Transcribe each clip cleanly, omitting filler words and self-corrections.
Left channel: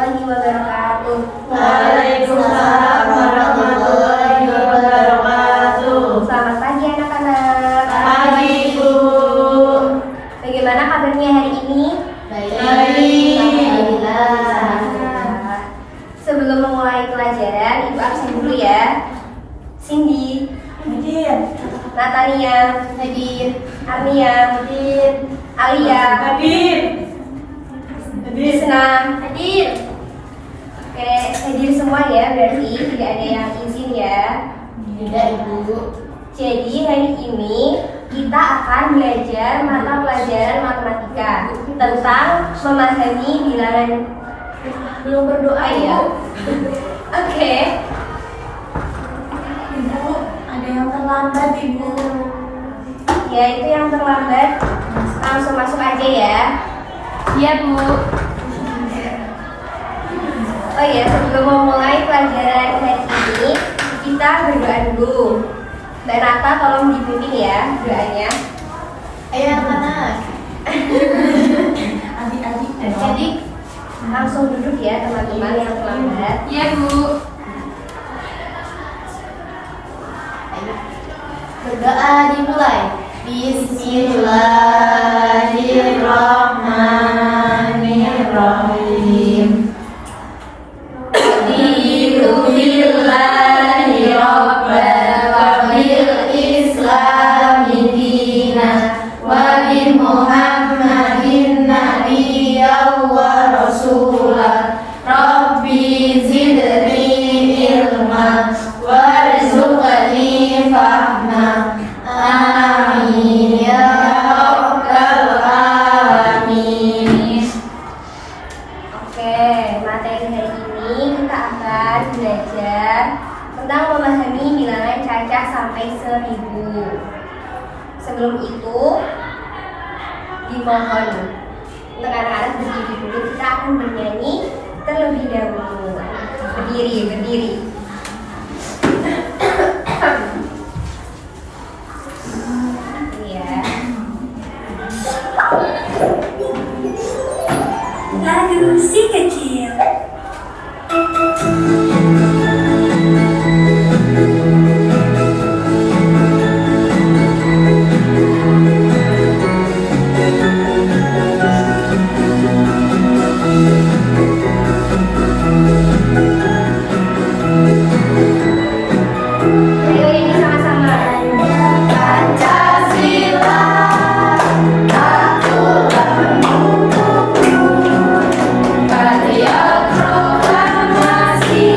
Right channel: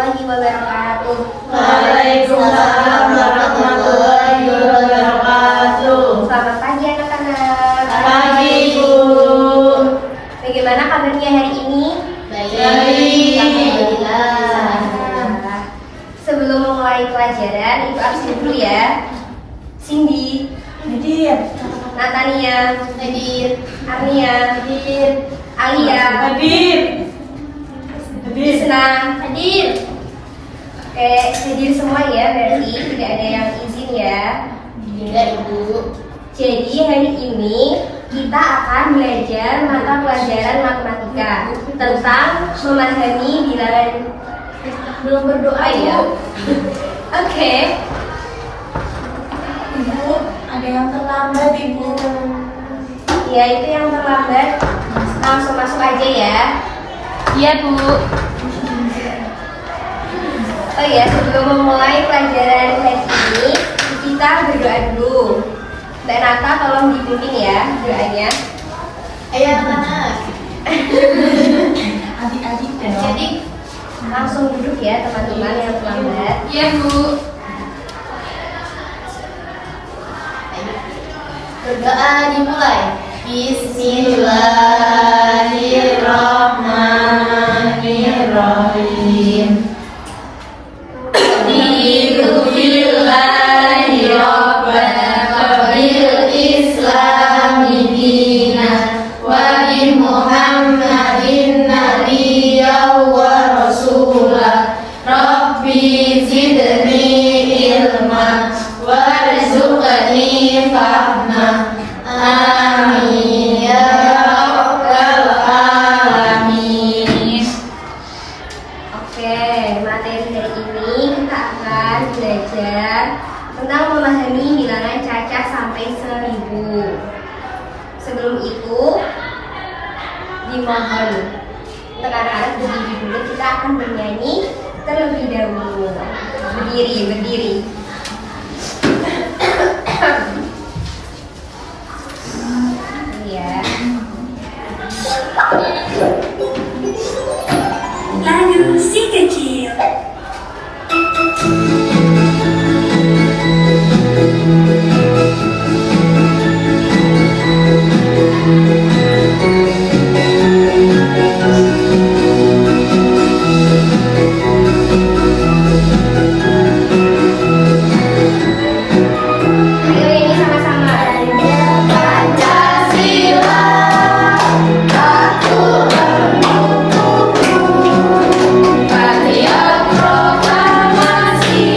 warahmatullahi wabarakatuh. Waalaikumsalam warahmatullahi wabarakatuh. Selamat pagi anak-anak. Pagi, Bu. Bagaimana kabarnya hari ini? Baik. Alhamdulillah. Sebelum memulai pelajaran, Ibu absen dulu ya. Cindy, Hadir. Natania, Hadir. Arnia, Hadir. Alia, Hadir. Hadir. Senang. Hadir. Oke, hadir semua ya, berarti tidak ada yang izin ya. Tidak, Ibu. Jadi hari ini kita akan belajar mata pelajaran matematika tentang memahami bilangan. Belum berdoa ya? Oke. Ibu, ada yang terlambat, Ibu. Ya, itu yang terlambat langsung masuk aja ya. Iya, Bu. Oh ya, sebelum memulai pelajaran hari ini, kita berdoa dulu. Mbak Nata tolong dipimpin ya doanya. Ayo, anak-anak. Adik-adik. Adik-adik langsung duduk ya teman-teman yang terlambat. Iya, Bu. Berdoa dimulai. Bismillahirrahmanirrahim. Billahi rabbana bil islami dina wa bi muhammadin nabiyya wa rasulah rabbi zidni ilma warzuqni fahma amin ya rabbal alamin. Oke, materi hari ini kita akan belajar tentang memahami bilangan cacah sampai 1000. Sebelum itu, dimohon untuk anak-anak berdiri dulu. Kita akan bernyanyi terlebih dahulu. Berdiri. Ini ya. Lalu si kecil. Ayo ini sama-sama. Pancasila, patriot proklamasi,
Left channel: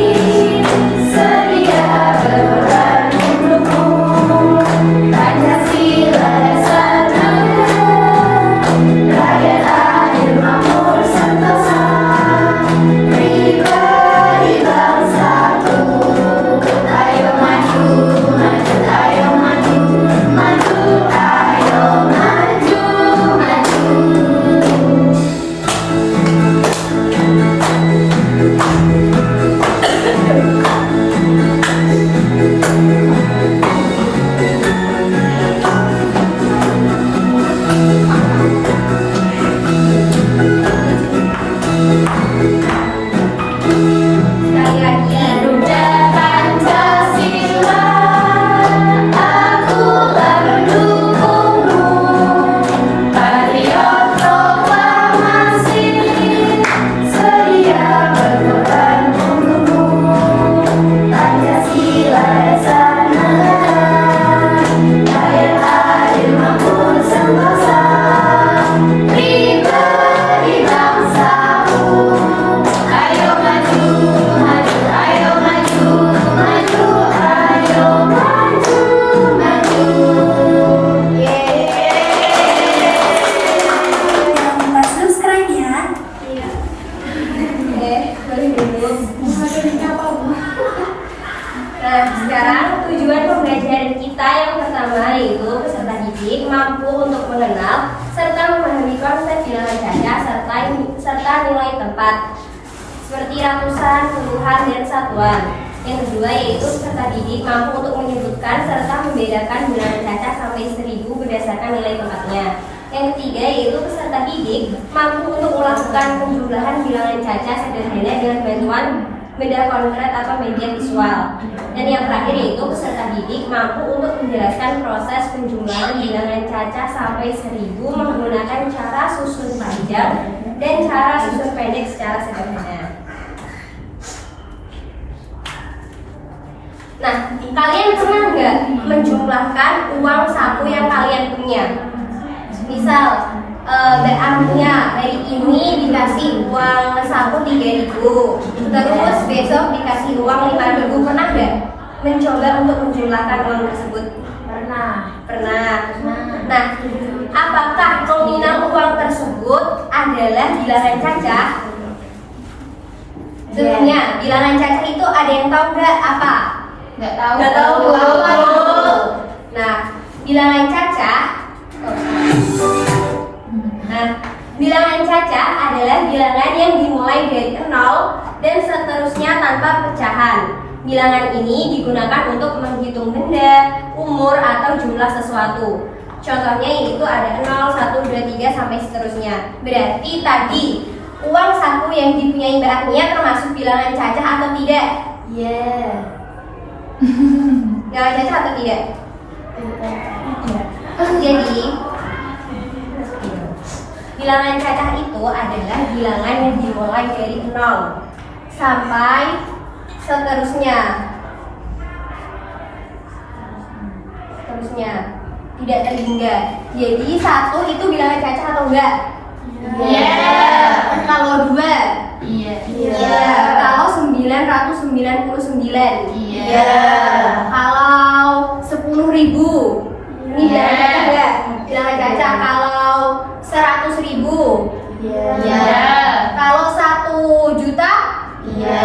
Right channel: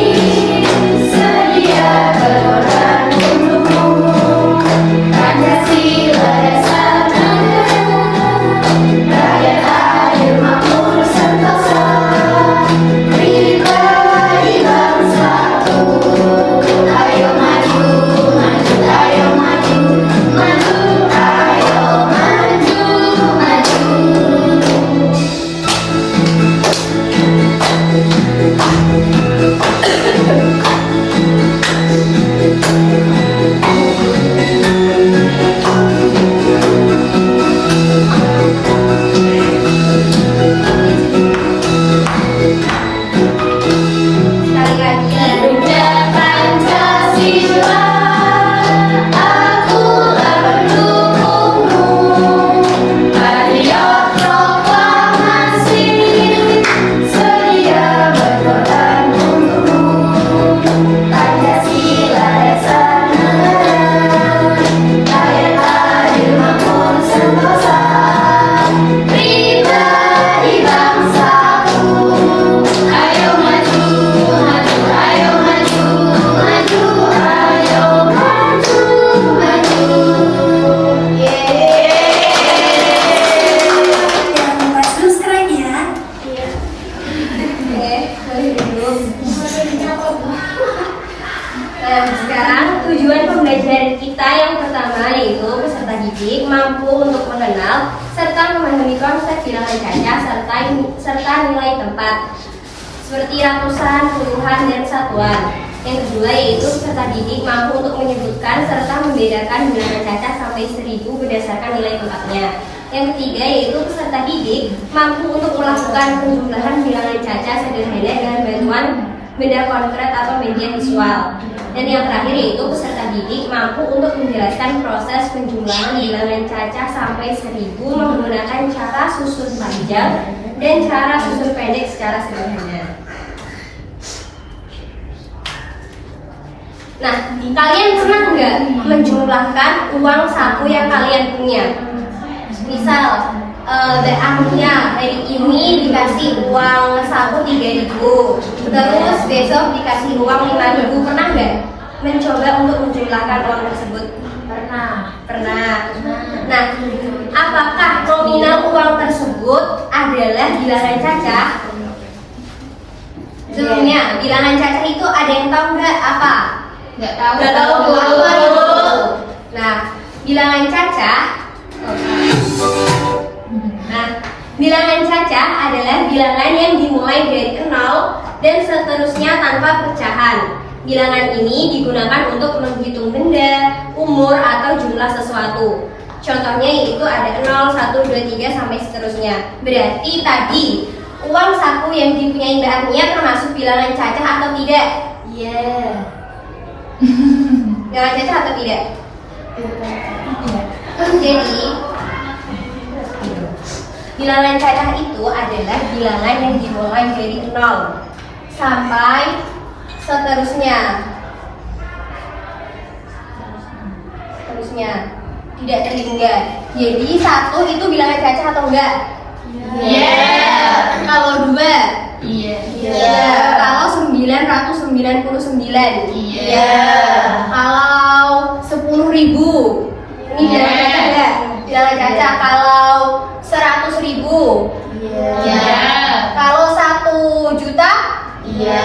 sedia berperan mendukung. Pancasila dasar negara, rakyat adil makmur sentosa, pribadi bangsaku. Ayo maju, maju, ayo maju, maju, ayo maju, maju. Sekali lagi. Garuda Pancasila, akulah pendukungmu. Patriot proklamasi, sedia berkorban untukmu. Pancasila dasar negara, rakyat adil makmur sentosa, pribadi bangsaku. Ayo maju, maju, ayo maju, maju, ayo maju, maju. Jangan lupa subscribe ya. Oke, boleh duduk. Nah, sekarang tujuan pembelajaran kita yang pertama yaitu peserta didik mampu untuk mengenal serta memahami konsep bilangan cacah serta nilai tempat seperti ratusan, puluhan, dan satuan. Yang kedua yaitu peserta didik mampu untuk menyebutkan serta membedakan bilangan cacah sampai 1000 berdasarkan nilai tempatnya. Yang ketiga yaitu peserta didik mampu untuk melakukan penjumlahan bilangan caca sederhana dengan bantuan benda konkret atau media visual. Dan yang terakhir yaitu peserta didik mampu untuk menjelaskan proses penjumlahan bilangan caca sampai 1000 menggunakan cara susun panjang dan cara susun pendek secara sederhana. Nah, kalian pernah nggak menjumlahkan uang saku yang kalian punya? Misal, Mbak Amia hari ini dikasih uang saku 3.000, terus besok dikasih uang 5.000. Pernah nggak mencoba untuk menjumlahkan uang tersebut? Pernah. Nah, apakah nominal uang tersebut adalah bilangan caca? Sebelumnya, bilangan caca itu ada yang tahu nggak apa? Nggak tahu. Apa itu? Nah, bilangan caca. Nah, bilangan caca adalah bilangan yang dimulai dari 0 dan seterusnya tanpa pecahan. Bilangan ini digunakan untuk menghitung benda, umur, atau jumlah sesuatu. Contohnya yaitu ada 0, 1, 2, 3 sampai seterusnya. Berarti tadi uang saku yang dipunyai Mbak Agnia termasuk bilangan caca atau tidak? Iya. Bilangan caca atau tidak? Jadi bilangan caca itu adalah bilangan yang dimulai dari 0 sampai seterusnya. Tidak terhingga. Jadi 1 itu bilangan caca atau enggak? Iya. Kalau 2? Iya. Kalau 999? Iya. Kalau 10.000? Ini bilangan caca enggak? Bilangan caca. Kalau 100.000? Iya. Kalau 1 juta? Iya.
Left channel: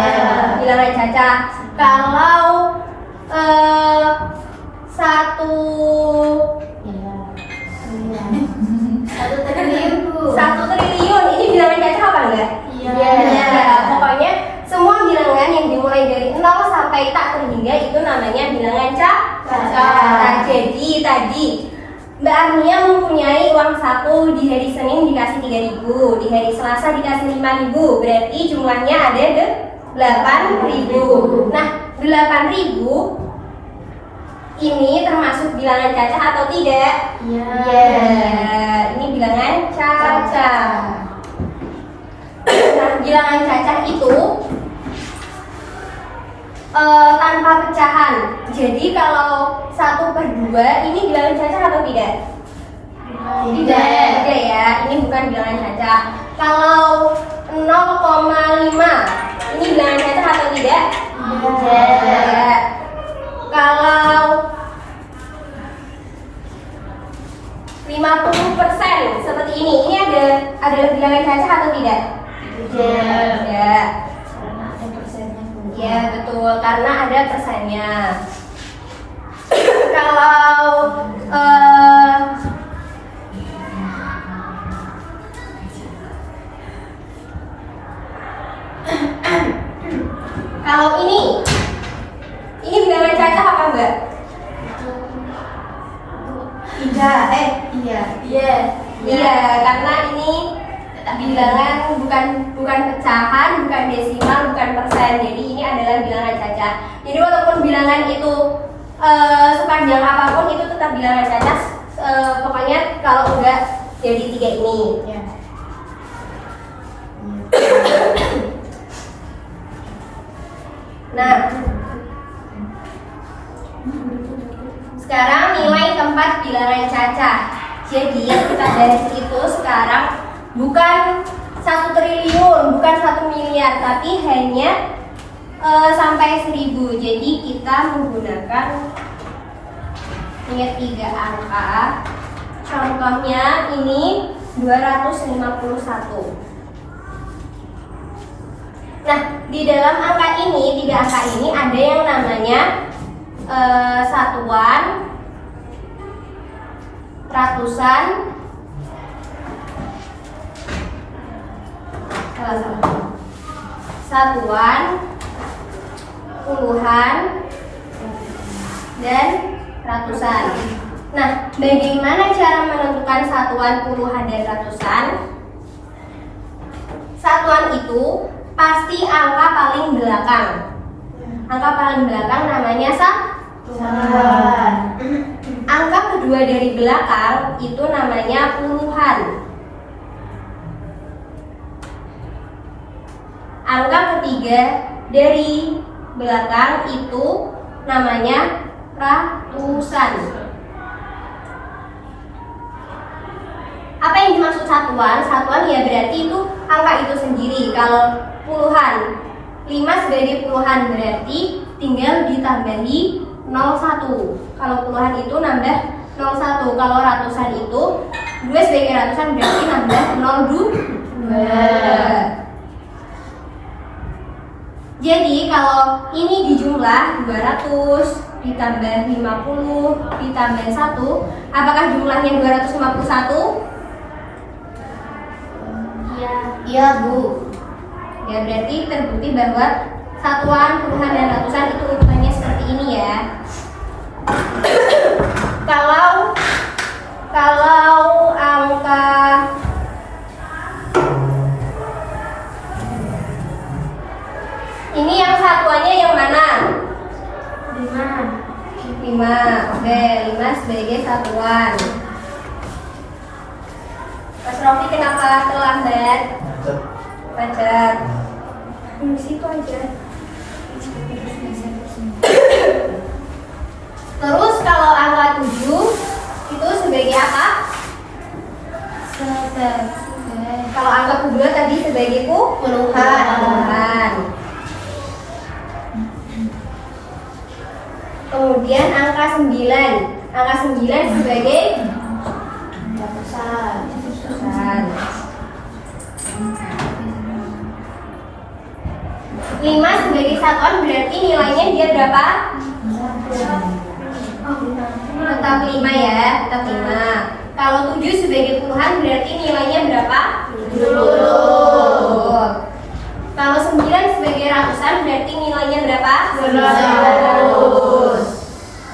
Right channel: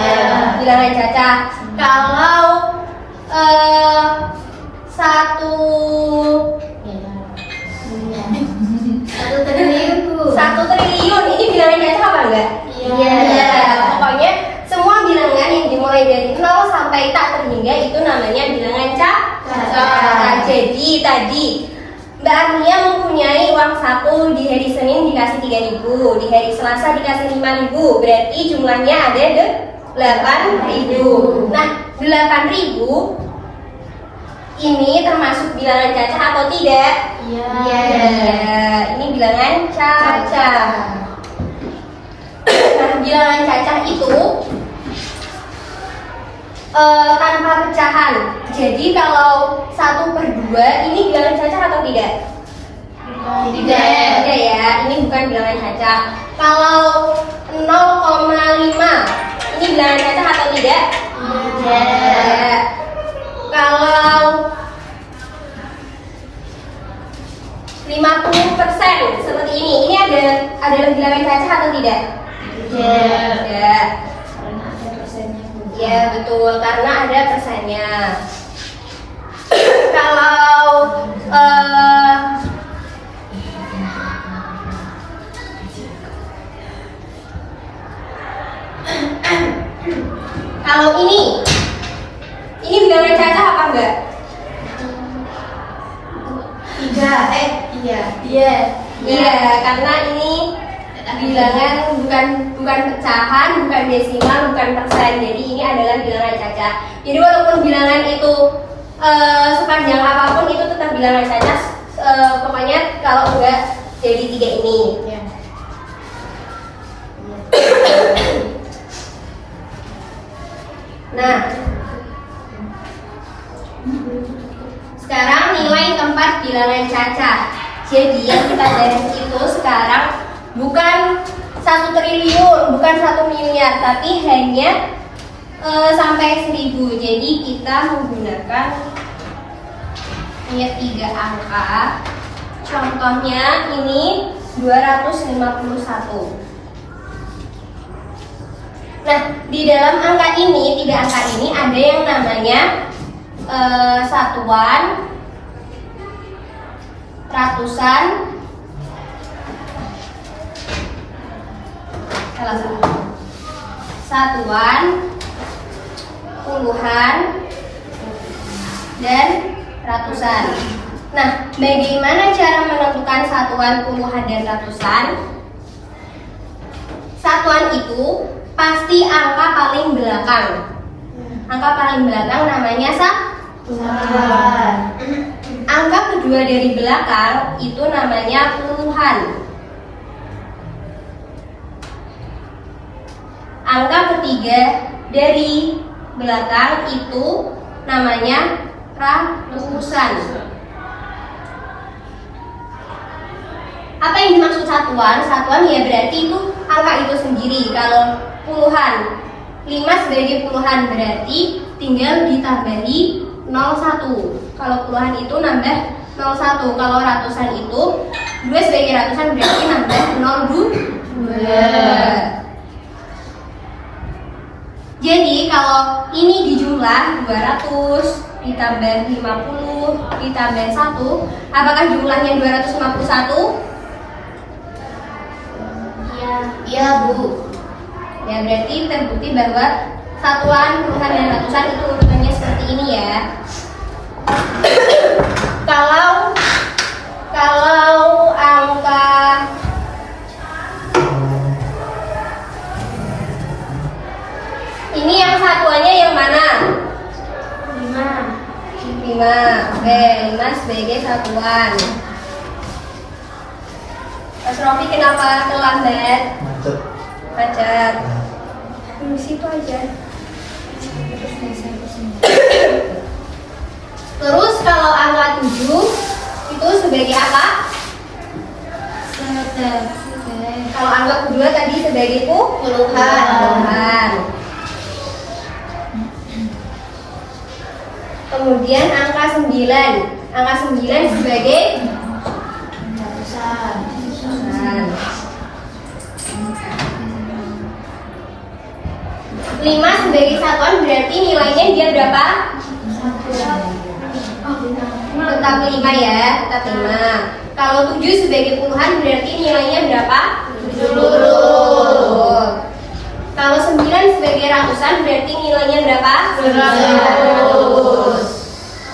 Bilangan caca. Kalau 1 triliun ini bilangan caca apa enggak? Iya. Pokoknya semua bilangan yang dimulai dari 0 sampai tak terhingga itu namanya bilangan caca. Nah, jadi tadi Mbak Agnia mempunyai uang saku di hari Senin dikasih 3.000, di hari Selasa dikasih 5.000, berarti jumlahnya ada 8.000. Nah, 8.000 ini termasuk bilangan caca atau tidak? Iya. Ini bilangan caca. Nah, bilangan caca itu tanpa pecahan. Jadi kalau 1/2 ini bilangan caca atau tidak? Tidak ya, ini bukan bilangan caca. Kalau 0,5 ini bilangan caca atau tidak? Tidak. Kalau 50% seperti ini adalah bilangan caca atau tidak? Tidak. Ya betul, karena ada persennya. Kalau ini bilangan caca apa enggak? Tidak. Iya, karena ini bilangan bukan pecahan, bukan desimal, bukan persen. Jadi ini adalah bilangan caca. Jadi walaupun bilangan itu sepanjang apapun itu tetap bilangan caca. Pokoknya kalau enggak jadi 3 ini. Nah, sekarang nilai tempat bilangan caca. Jadi yang kita bahas itu sekarang bukan 1 triliun, bukan 1 miliar, tapi hanya sampai 1000. Jadi kita menggunakan 3 angka. Contohnya ini 251. Nah, di dalam angka ini, 3 angka ini ada yang namanya satuan, ratusan, satuan, puluhan, dan ratusan. Nah, bagaimana cara menentukan satuan puluhan dan ratusan? Satuan itu pasti angka paling belakang. Angka paling belakang namanya Satuan. angka kedua dari belakang itu namanya puluhan. Angka ketiga dari belakang itu namanya ratusan. Apa yang dimaksud satuan? Satuan ya berarti itu angka itu sendiri. Kalau puluhan, 5 sebagai puluhan berarti tinggal ditambahi 01. Kalau puluhan itu nambah 01. Kalau ratusan itu 2 sebagai ratusan berarti nambah 02. Jadi kalau ini dijumlah 200 ditambah 50 ditambah 1, apakah jumlahnya 251? Iya, Bu. Ya berarti terbukti bahwa satuan, puluhan, dan ratusan itu urutannya seperti ini ya. Kalau angka ini yang satuannya yang mana? 5. Oke, 5 sebagai satuan. Mas Rofi kenapa terlambat? Macet. Di situ aja. Terus kalau angka 7 itu sebagai apa? Kalau angka kedua tadi sebagai puluhan. Kemudian angka 9. Angka 9 sebagai Ratusan. 5 sebagai satuan berarti nilainya dia berapa? Tetap 5 ya, tetap 5. Kalau 7 sebagai puluhan berarti nilainya berapa? 70. Kalau 9 sebagai ratusan berarti nilainya berapa? 100.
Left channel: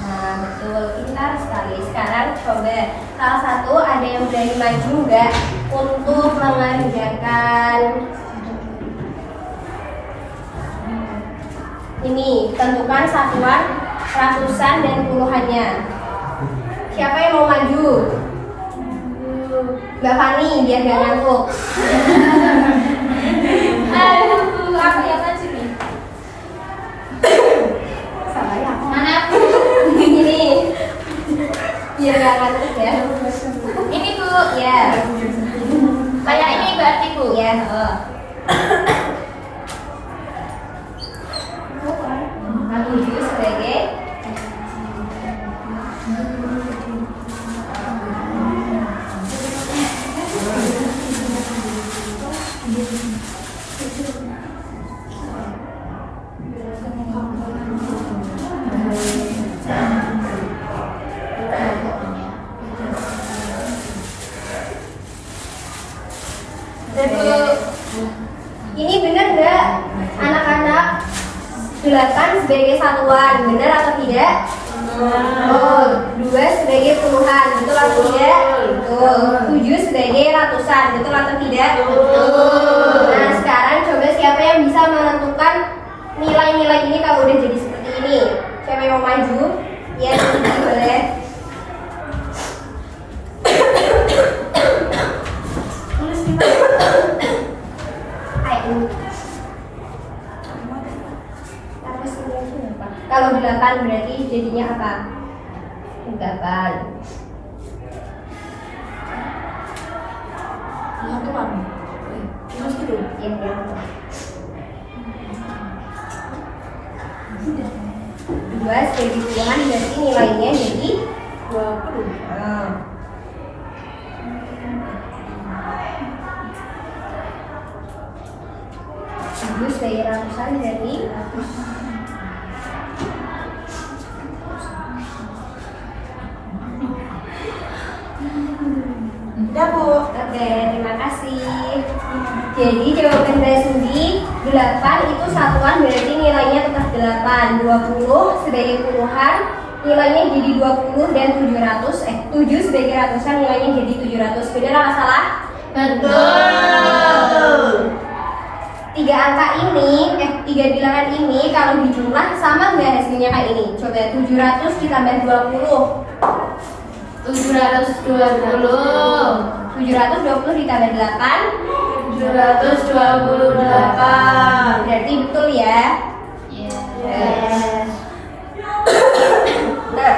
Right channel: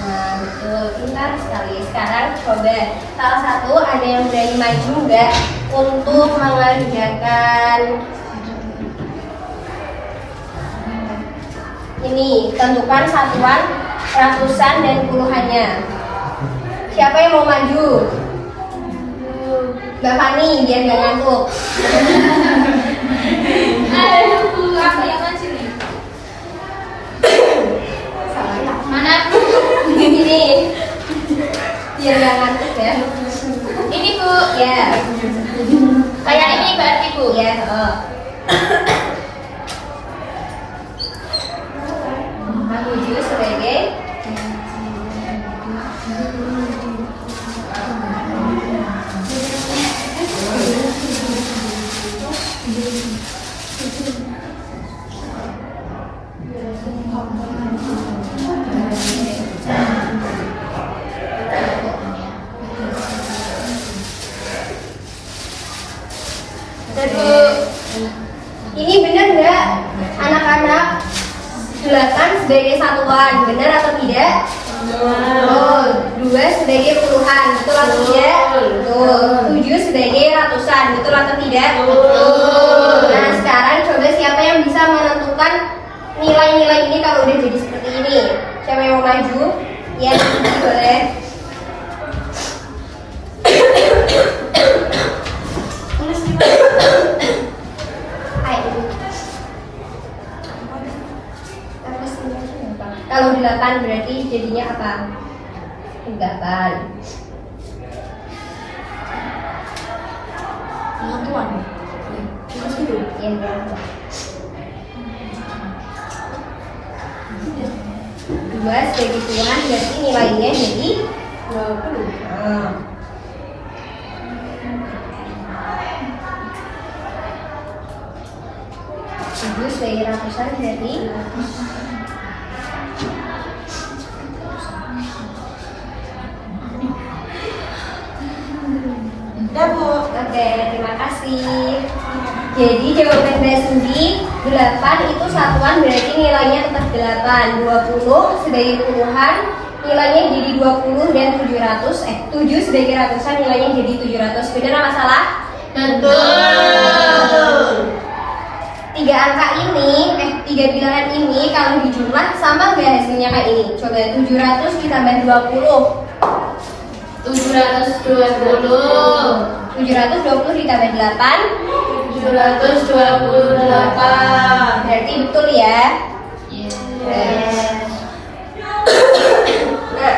Nah, betul, pintar sekali. Sekarang coba salah satu ada yang berani maju nggak untuk mengerjakan ini, tentukan satuan, ratusan, dan puluhannya. Siapa yang mau maju? Mbak Fani, biar nggak ngantuk. Aku yang maju nih. Salah ya? Mana? Ini, biar nggak ngantuk ya. Ini, Bu. Ya, Kayak ini berarti, Bu. ya. Tujuh sebagai ini benar nggak anak-anak? 8 sebagai satuan, benar atau tidak? Oh, 2 sebagai puluhan, betul atau tidak? Betul. 7 sebagai ratusan, betul atau tidak? Betul. Nah, sekarang coba siapa yang bisa menentukan nilai-nilai ini kalau udah jadi seperti ini? Siapa yang mau maju? Ya, boleh. Tulis gimana? Ayo. Kalau 8 berarti jadinya apa? 8. Satuan. Tulis gitu. Ya, ya. 2 sebagai puluhan berarti nilainya jadi 20. Nah. Tujuh sebagai ratusan berarti Udah, Bu. oke, terima kasih. Jadi jawaban Mbak Sudi 8 itu satuan berarti nilainya tetap 8. 20 sebagai puluhan nilainya jadi 20 dan 700. 7 sebagai ratusan nilainya jadi 700. Benar apa salah? Betul. Tiga angka ini, tiga bilangan ini kalau dijumlah sama nggak hasilnya kayak ini? Coba 700 ditambah 20. 720. 720 ditambah 8. 728. Berarti betul ya? Yes. Nah,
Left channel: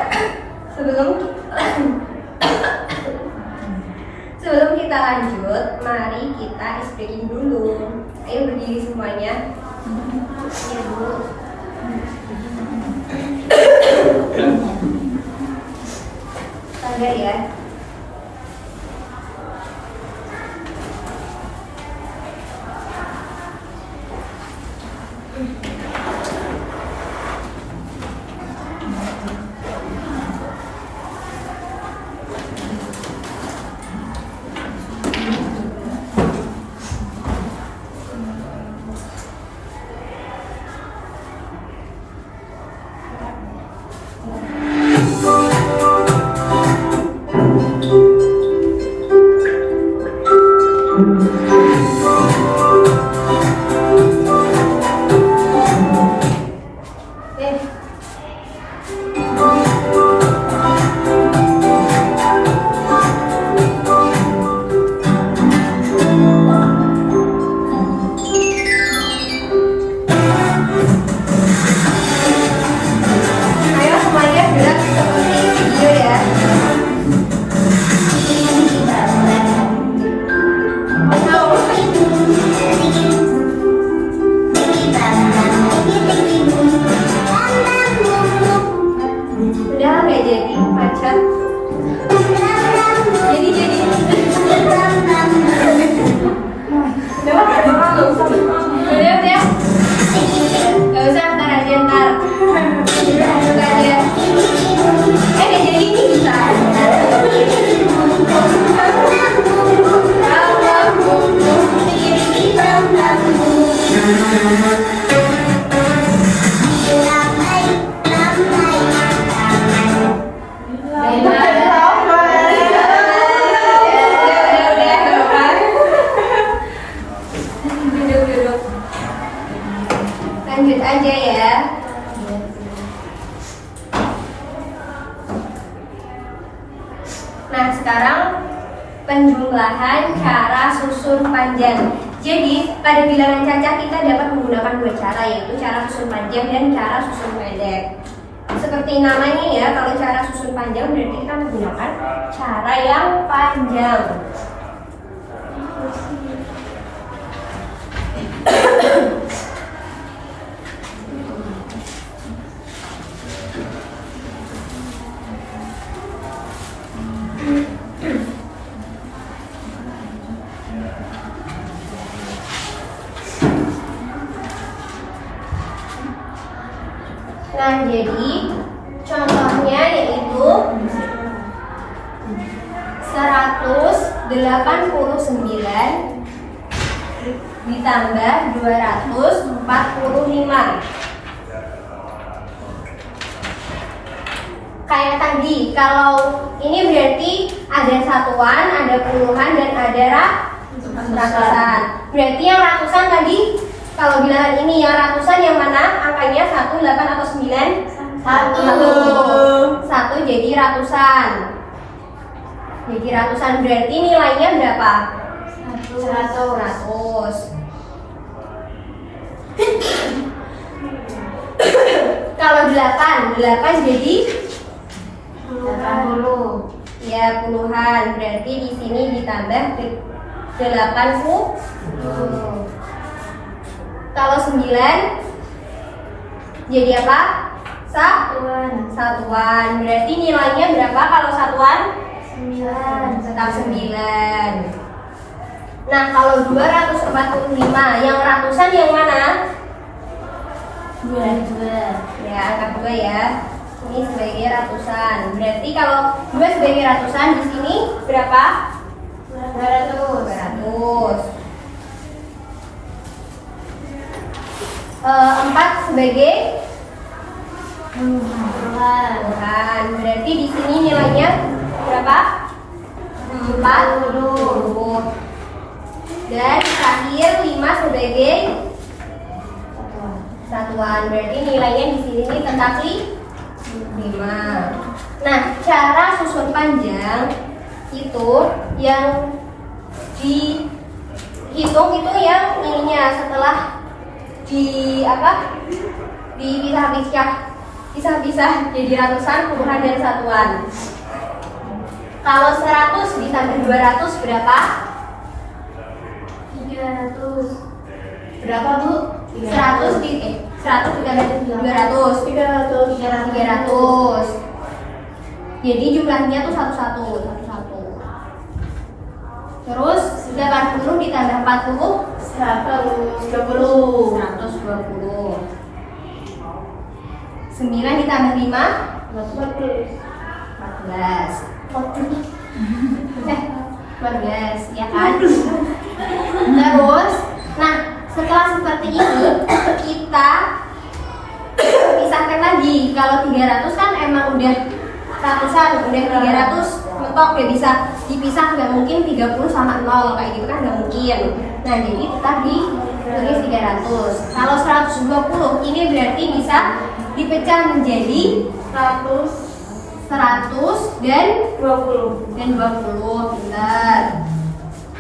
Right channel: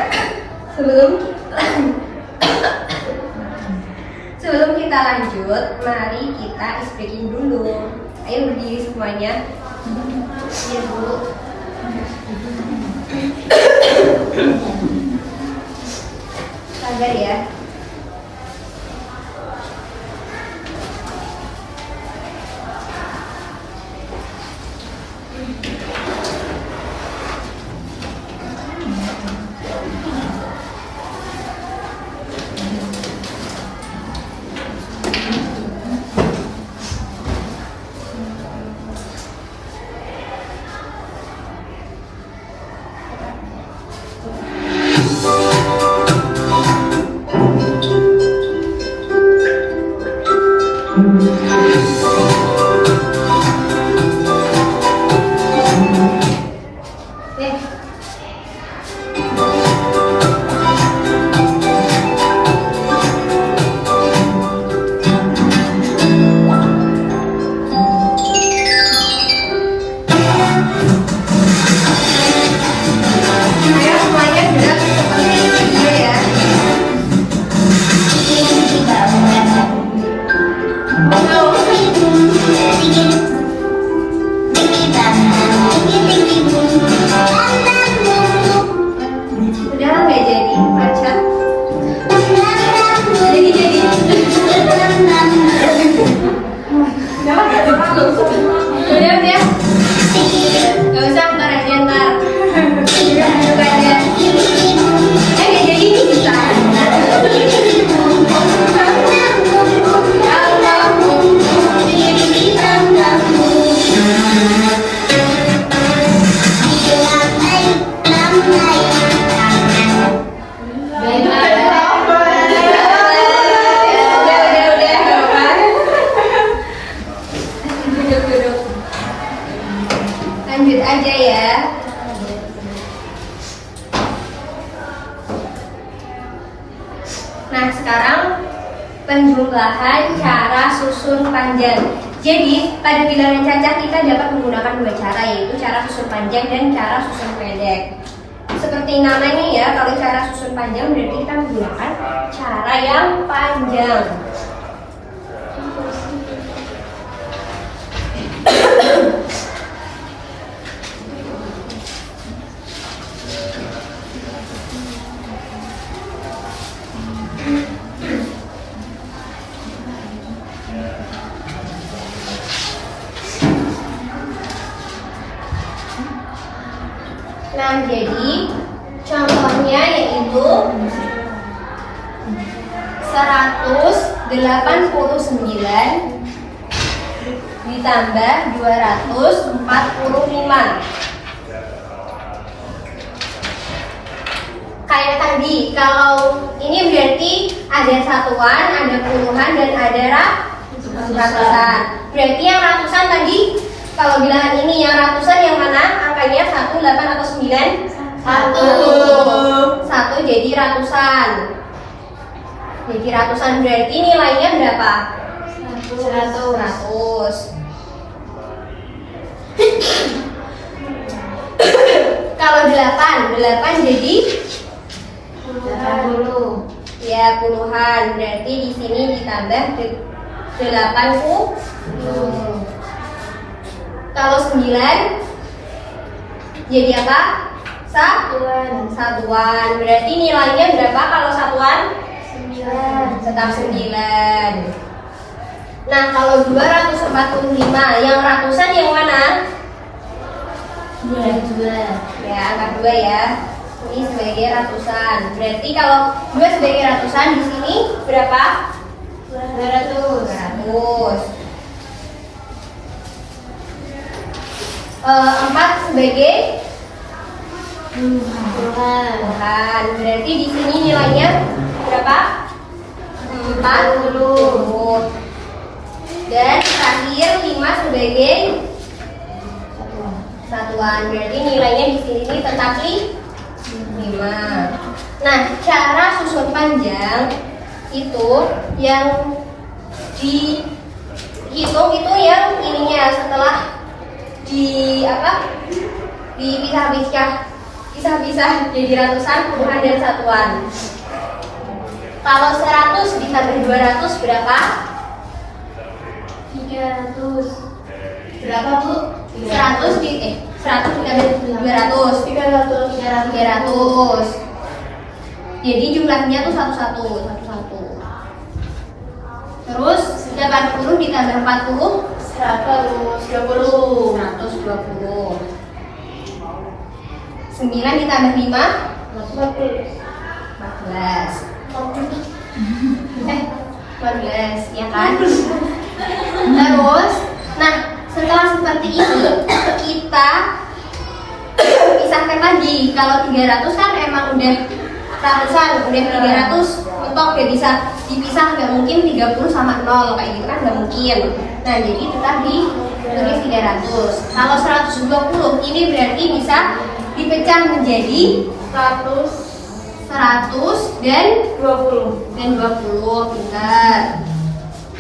sebelum kita lanjut, mari kita ice breaking dulu. Ayo berdiri semuanya. Iya Bu. Sabar ya. Ayo semuanya gerak seperti video ya. Udah nggak jadi macet. Jadi. Udah. Gak usah ntar aja ntar. Nggak ada. Nggak jadi nih bisa. Udah, gak apa-apa. Duduk. Lanjut aja ya. Nah, sekarang penjumlahan cara susun panjang. Jadi, pada bilangan cacah kita dapat menggunakan dua cara, yaitu cara susun panjang dan cara susun pendek. Seperti namanya ya, kalau cara susun panjang berarti kita menggunakan cara yang panjang. Nah, jadi contohnya yaitu 189 ditambah 245. Kayak tadi, kalau ini berarti ada satuan, ada puluhan, dan ada ratusan. Berarti yang ratusan tadi, kalau bilangan ini yang ratusan yang mana? Angkanya 1, 8, atau 9? 1 jadi ratusan. Jadi ratusan berarti nilainya berapa? 100. Kalau 8 jadi 80. ya puluhan. Berarti di sini ditambah 80. Kalau 9 jadi apa? Satuan. Berarti nilainya berapa kalau satuan? 9. Tetap 9. Nah, kalau 245 yang ratusan yang mana? 2. Ya, angka 2 ya. Ini sebagai ratusan. Berarti kalau 2 sebagai ratusan di sini berapa? 200. 4 sebagai Puluhan. Berarti di sini nilainya berapa? 40. Dan terakhir 5 sebagai satuan. Berarti nilainya di sini tetap 5. Nah, cara susun panjang itu yang dihitung itu yang ininya setelah dipisah-pisah jadi ratusan, puluhan dan satuan. Kalau 100 ditambah 200 berapa? 300. Berapa, Bu? 100 ditambah 200. 300. Jadi jumlahnya tuh satu-satu. Terus 80 ditambah 40 120. 120. 9 ditambah 5 14. 14, ya kan? Terus, nah setelah seperti ini kita pisahkan lagi. Kalau 300 kan emang udah ratusan, udah 300 mentok ya, bisa dipisah, nggak mungkin 30 sama 0 kayak gitu kan, nggak mungkin. Nah jadi tetap ditulis 300. Kalau 120 ini berarti bisa dipecah menjadi 100 dan 20. Benar.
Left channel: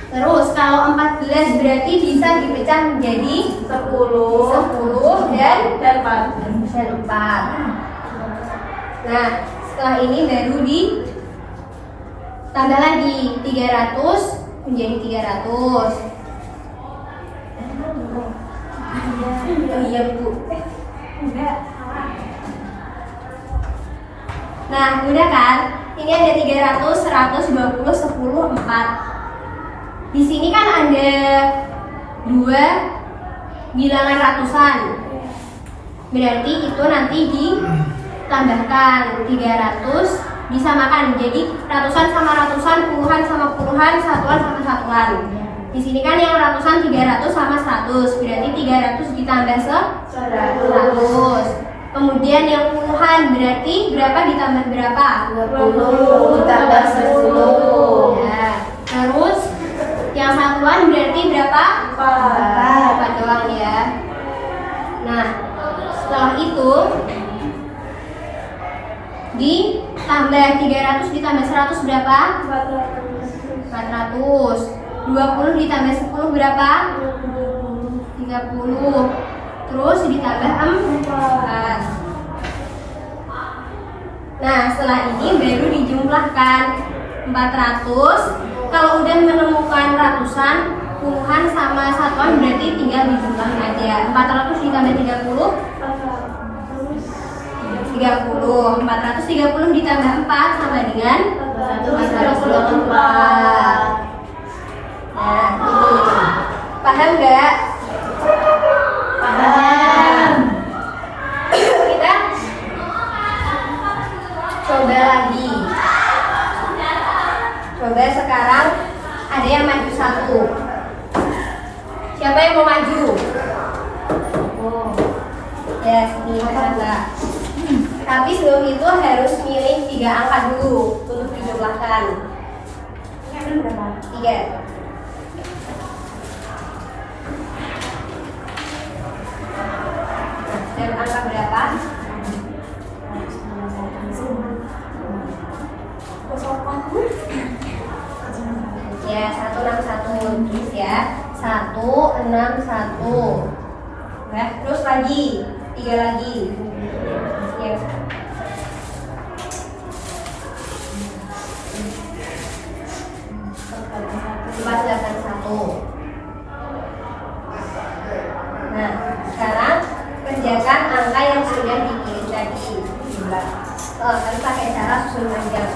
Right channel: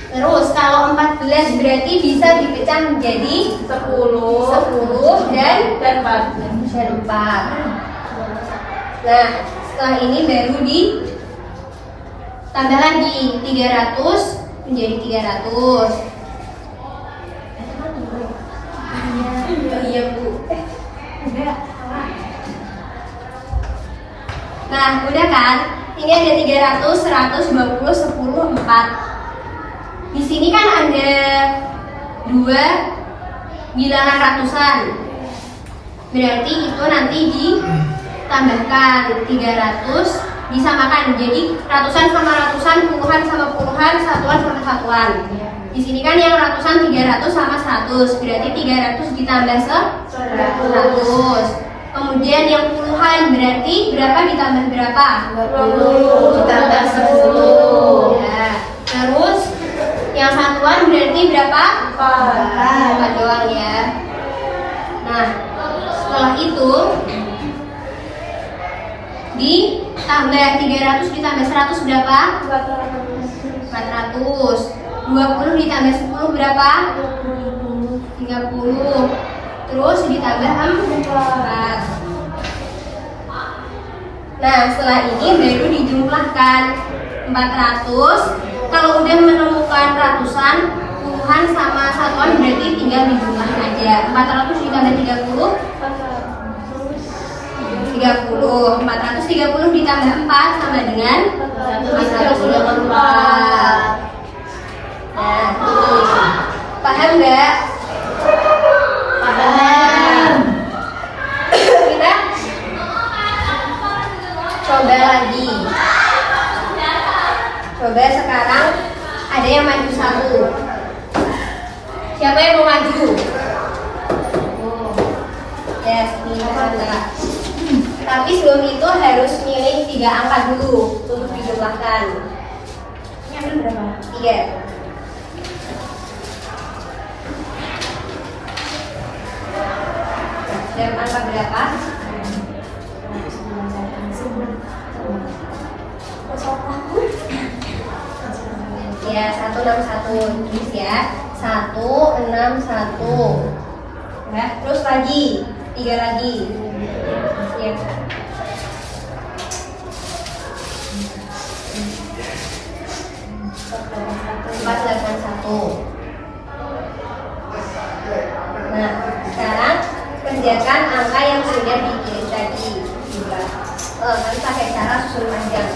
Terus kalau 14 berarti bisa dipecah menjadi 10 dan 4. Nah, setelah ini baru ditambah lagi 300 menjadi 300. Oh iya, Bu. Enggak. Nah, udah kan? Ini ada 300, 120, 10, 4. Di sini kan ada 2 bilangan ratusan. Berarti itu nanti ditambahkan 300 disamakan. Jadi ratusan sama ratusan, puluhan sama puluhan, satuan sama satuan. Di sini kan yang ratusan 300 sama 100. Berarti 300 ditambah 100. Kemudian yang puluhan berarti berapa ditambah berapa? 20 ditambah 10. Ya. Terus yang satuan berarti berapa? 4 doang ya. Nah, setelah itu ditambah 300 ditambah 100 berapa? 400. 20 ditambah 10 berapa? 30. Terus ditambah 4. Nah, setelah ini baru dijumlahkan 400. Kalau udah menemukan ratusan, puluhan sama satuan berarti tinggal dijumlahkan aja. 400 ditambah 30 30. 430 ditambah 4 sama dengan 424. Nah, ini paham nggak? Paham. Kita coba lagi. Coba sekarang ada yang maju satu. Siapa yang mau maju? Yes, ini Mbak. Tapi sebelum itu harus milih 3 angka dulu untuk dijumlahkan. Ini ambil berapa? 3. Dan angka berapa? Ya, 161 tulis ya. 161. Enggak, terus lagi 3 lagi. Ya. Nah, sekarang kerjakan angka yang sudah dipilih tadi. Kalian pakai cara susun panjang.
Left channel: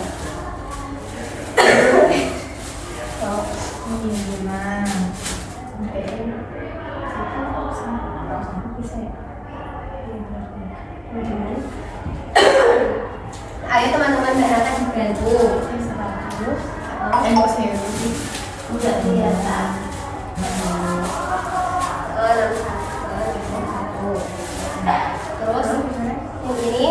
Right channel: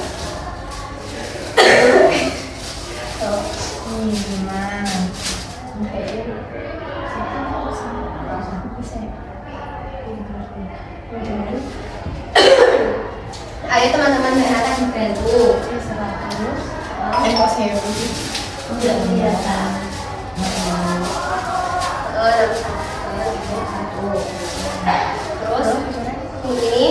Ayo teman-teman Nata dibantu. 100. Enggak kelihatan. Terus ini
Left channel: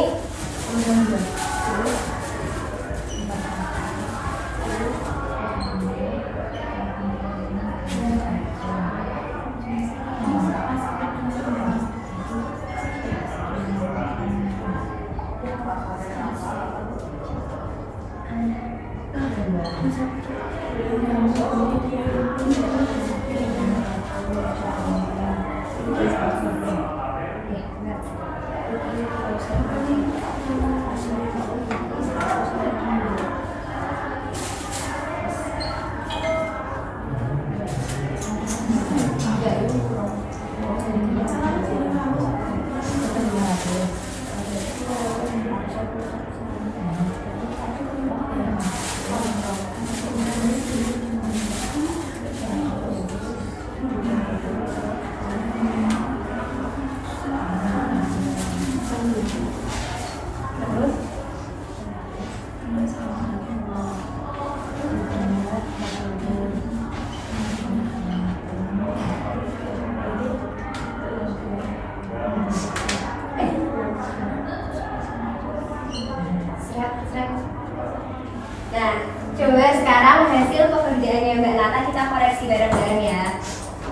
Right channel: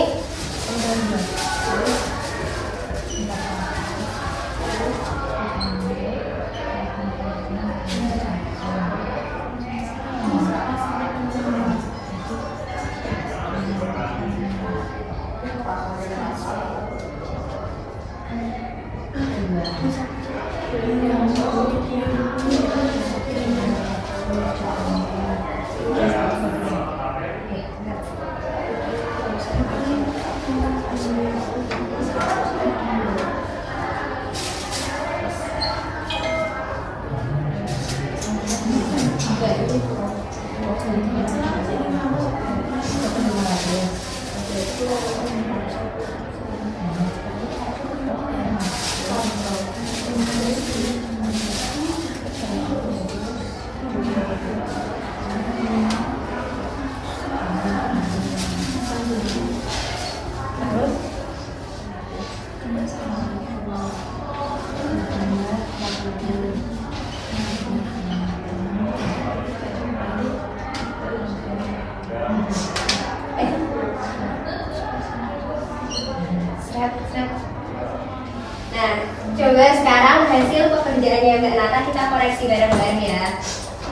Nah, coba sekarang hasil pekerjaannya Mbak Nata kita koreksi bareng-bareng ya.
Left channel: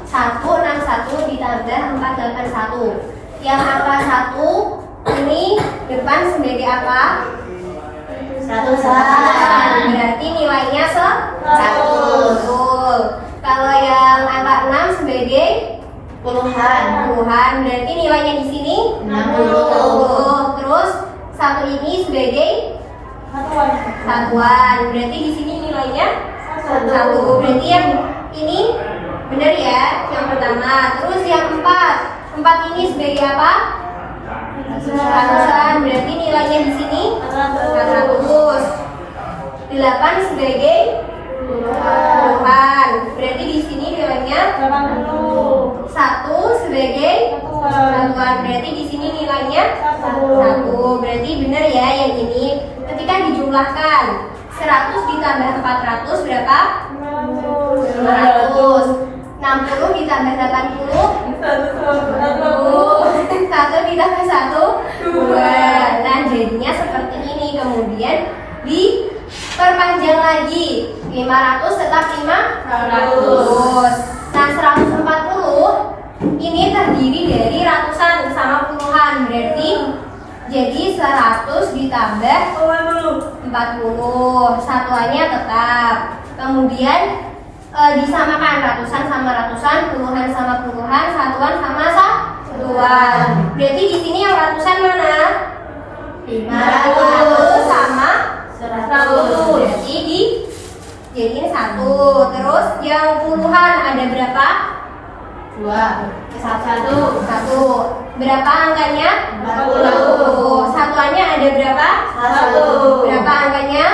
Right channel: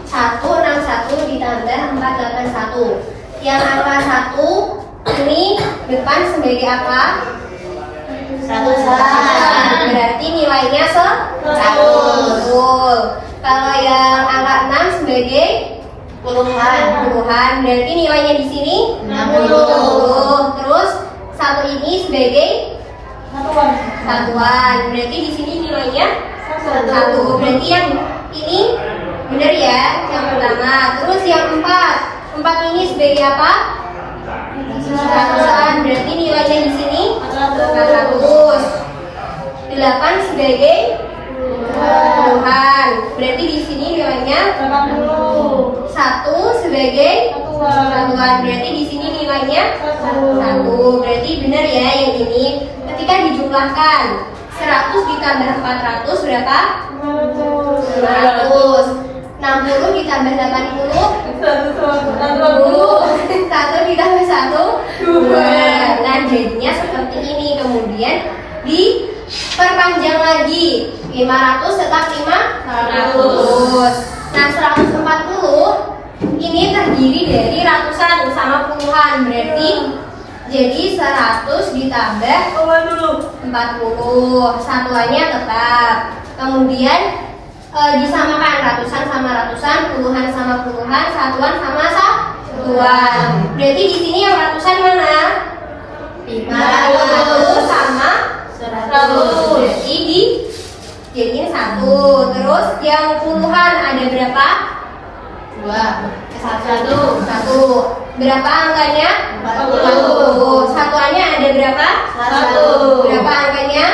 161 ditambah 481. Yang angka 1 ini depan sebagai apa? Ratusan. Berarti nilainya 100. Betul. Kalau yang angka 6 sebagai Puluhan. puluhan, berarti nilainya di sini 60. Terus satu ini sebagai satuan, berarti di sini nilainya satu. Berarti yang ini benar ya, yang pertama. Terus yang empat ini sebagai apa? Ratusan, berarti nilainya di sini 400. 8 sebagai puluhan, berarti di sini nilainya 1 sebagai satuan, berarti di sini nilainya 1. Berarti benar ya yang ini. Ketika dijumlahkan 100 ditambah 400 berapa? 500. 60 ditambah 80 1 ditambah 1 2. Nah jadinya seperti ini. Kemudian diperpanjang lagi 500 tetap 500. Nah 140 ini terdiri dari ratusan sama puluhan, berarti jadi 100 ditambah 40, satuannya tetap. Kemudian disamakan ratusan sama ratusan, puluhan sama puluhan, satuan sama satuan. Berarti di sini yang ratusan mana? 500 sama 100. Berarti jadi ini 1. Terus yang puluhan ada berapa? 1. Berapa angkanya? 40. Satuannya ada berapa? 1. Berapa angkanya?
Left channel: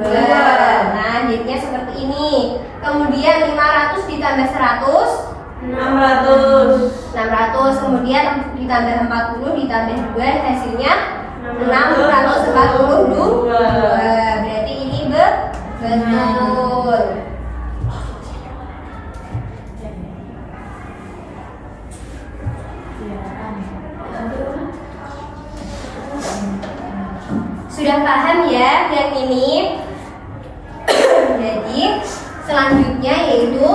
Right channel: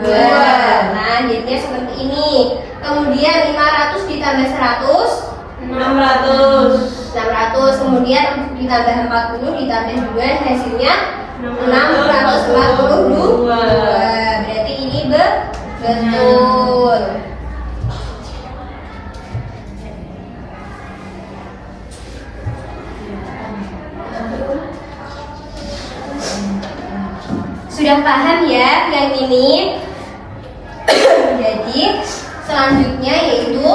2. Nah, jadinya seperti ini. Kemudian 500 ditambah 100 600. Kemudian ditambah 40 ditambah 2 hasilnya 642. Berarti ini betul. Sudah paham ya yang ini? Jadi selanjutnya yaitu,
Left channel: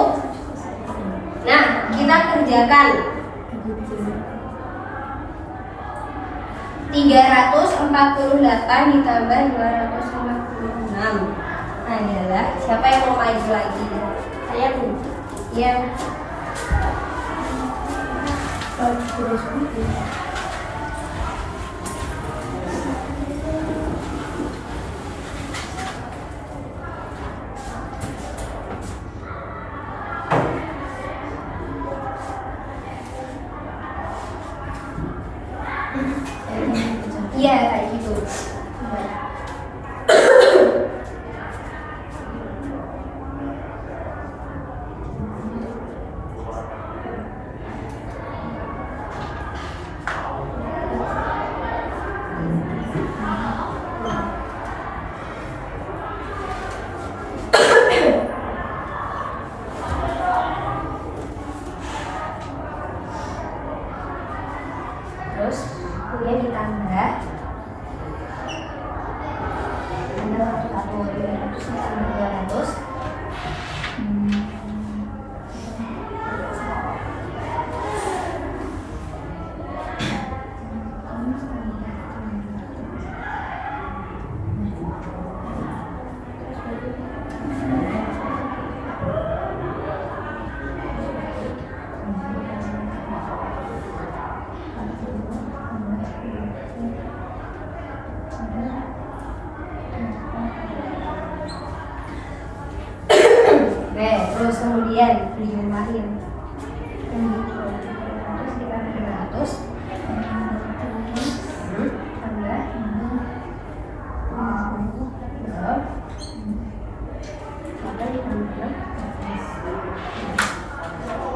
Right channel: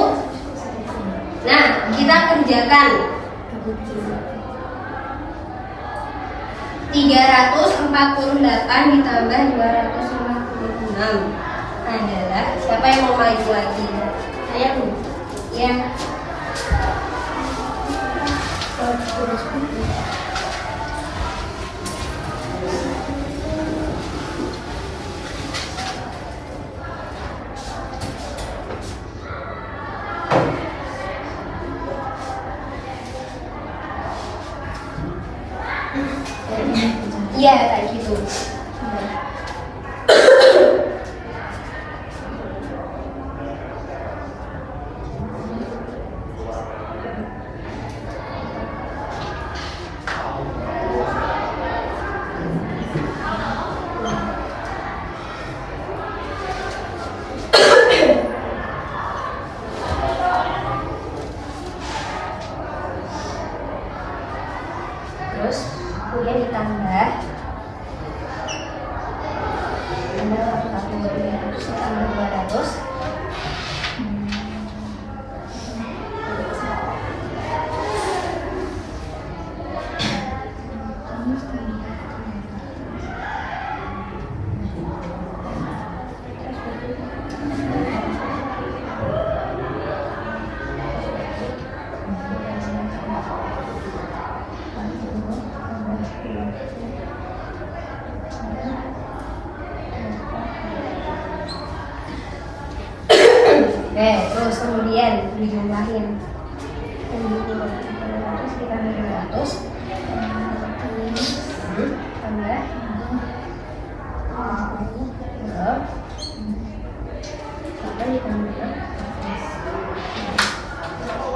nah kita kerjakan 348 ditambah 256 adalah, siapa yang mau maju lagi? Saya Bu. Ya. Iya, kayak gitu. Terus kemudian ditambah 300. Oke, terus kemudian dijumlahin. 300 ditambah 200 tambah belum 8 ditambah 6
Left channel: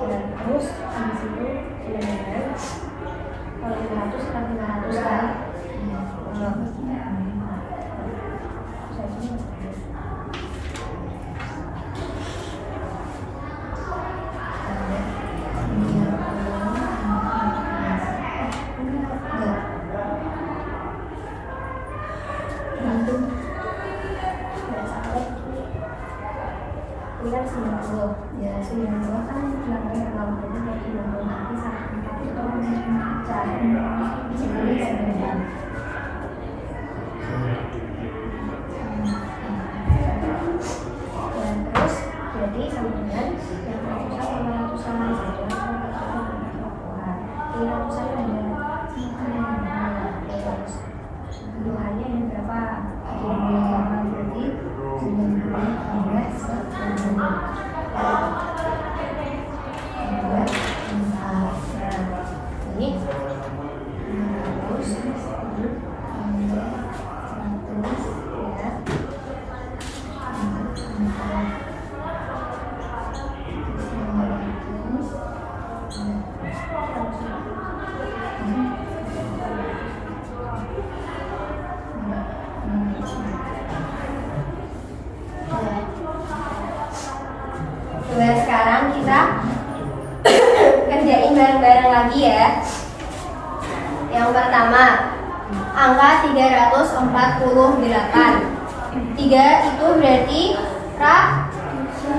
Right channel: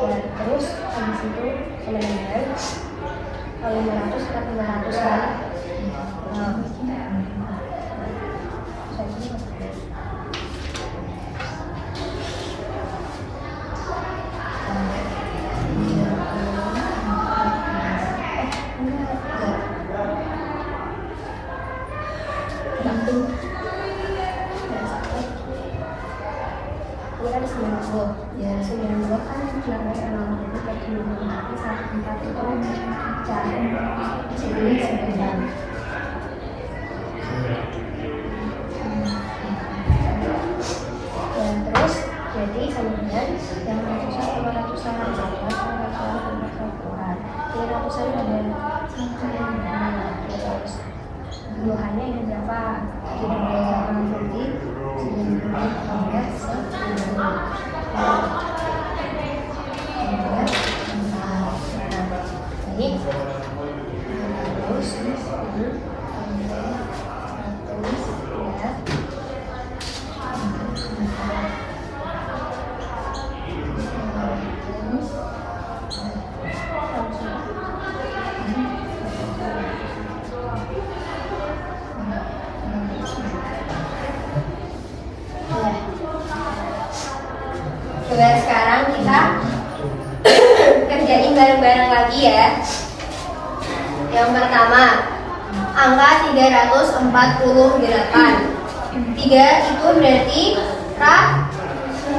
ya, terus habis itu kemudian kalau 500 kita 500 kali ini kan 90 ya 90 kan belakangnya 0 jadi berarti 90 tapi 1 itu cara jadi perbedaan ya terus jadi kemudian yang ratusan sama ratusan satuan sama ratusan sama satuan ini ratusan ada terus puluhannya ini berapa jadi 90 tambah 10 ini 100 tambah 100 ya Coba sekarang kita kerjain bareng-bareng lagi ya. Yang pertama, angka 348. 3 itu berarti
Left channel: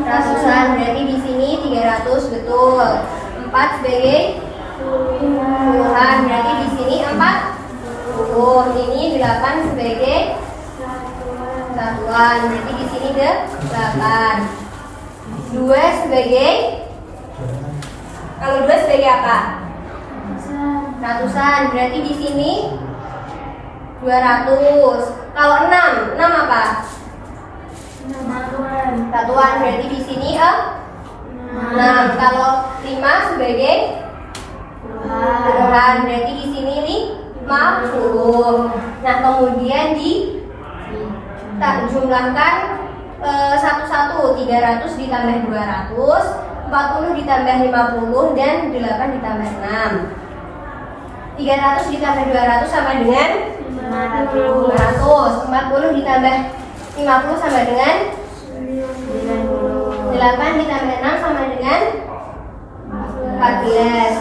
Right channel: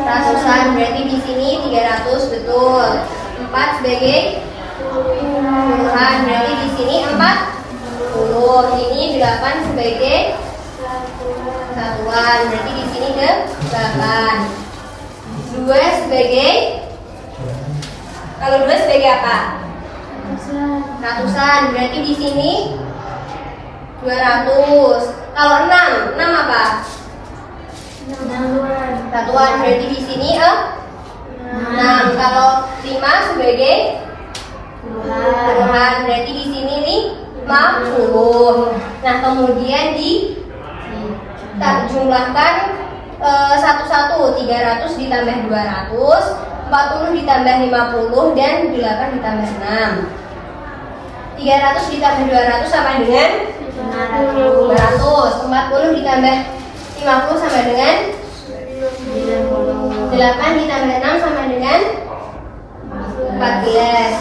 ratusan, berarti di sini 300 betul. 4 sebagai puluhan, berarti di sini 40. Ini 8 sebagai satuan, berarti di sini 8. 2 sebagai, kalau 2 sebagai apa? Ratusan, berarti di sini 200. Kalau 6 apa? Satuan, berarti di sini 6. Kalau 5 sebagai puluhan, berarti di sini nih 50. Nah, kemudian kita jumlahkan satu-satu. 300 ditambah 200, 40 ditambah 50, dan 8 ditambah 6. 300 ditambah 200 sama dengan 200. 40 ditambah 50 sama dengan 8 ditambah 6 sama dengan 14.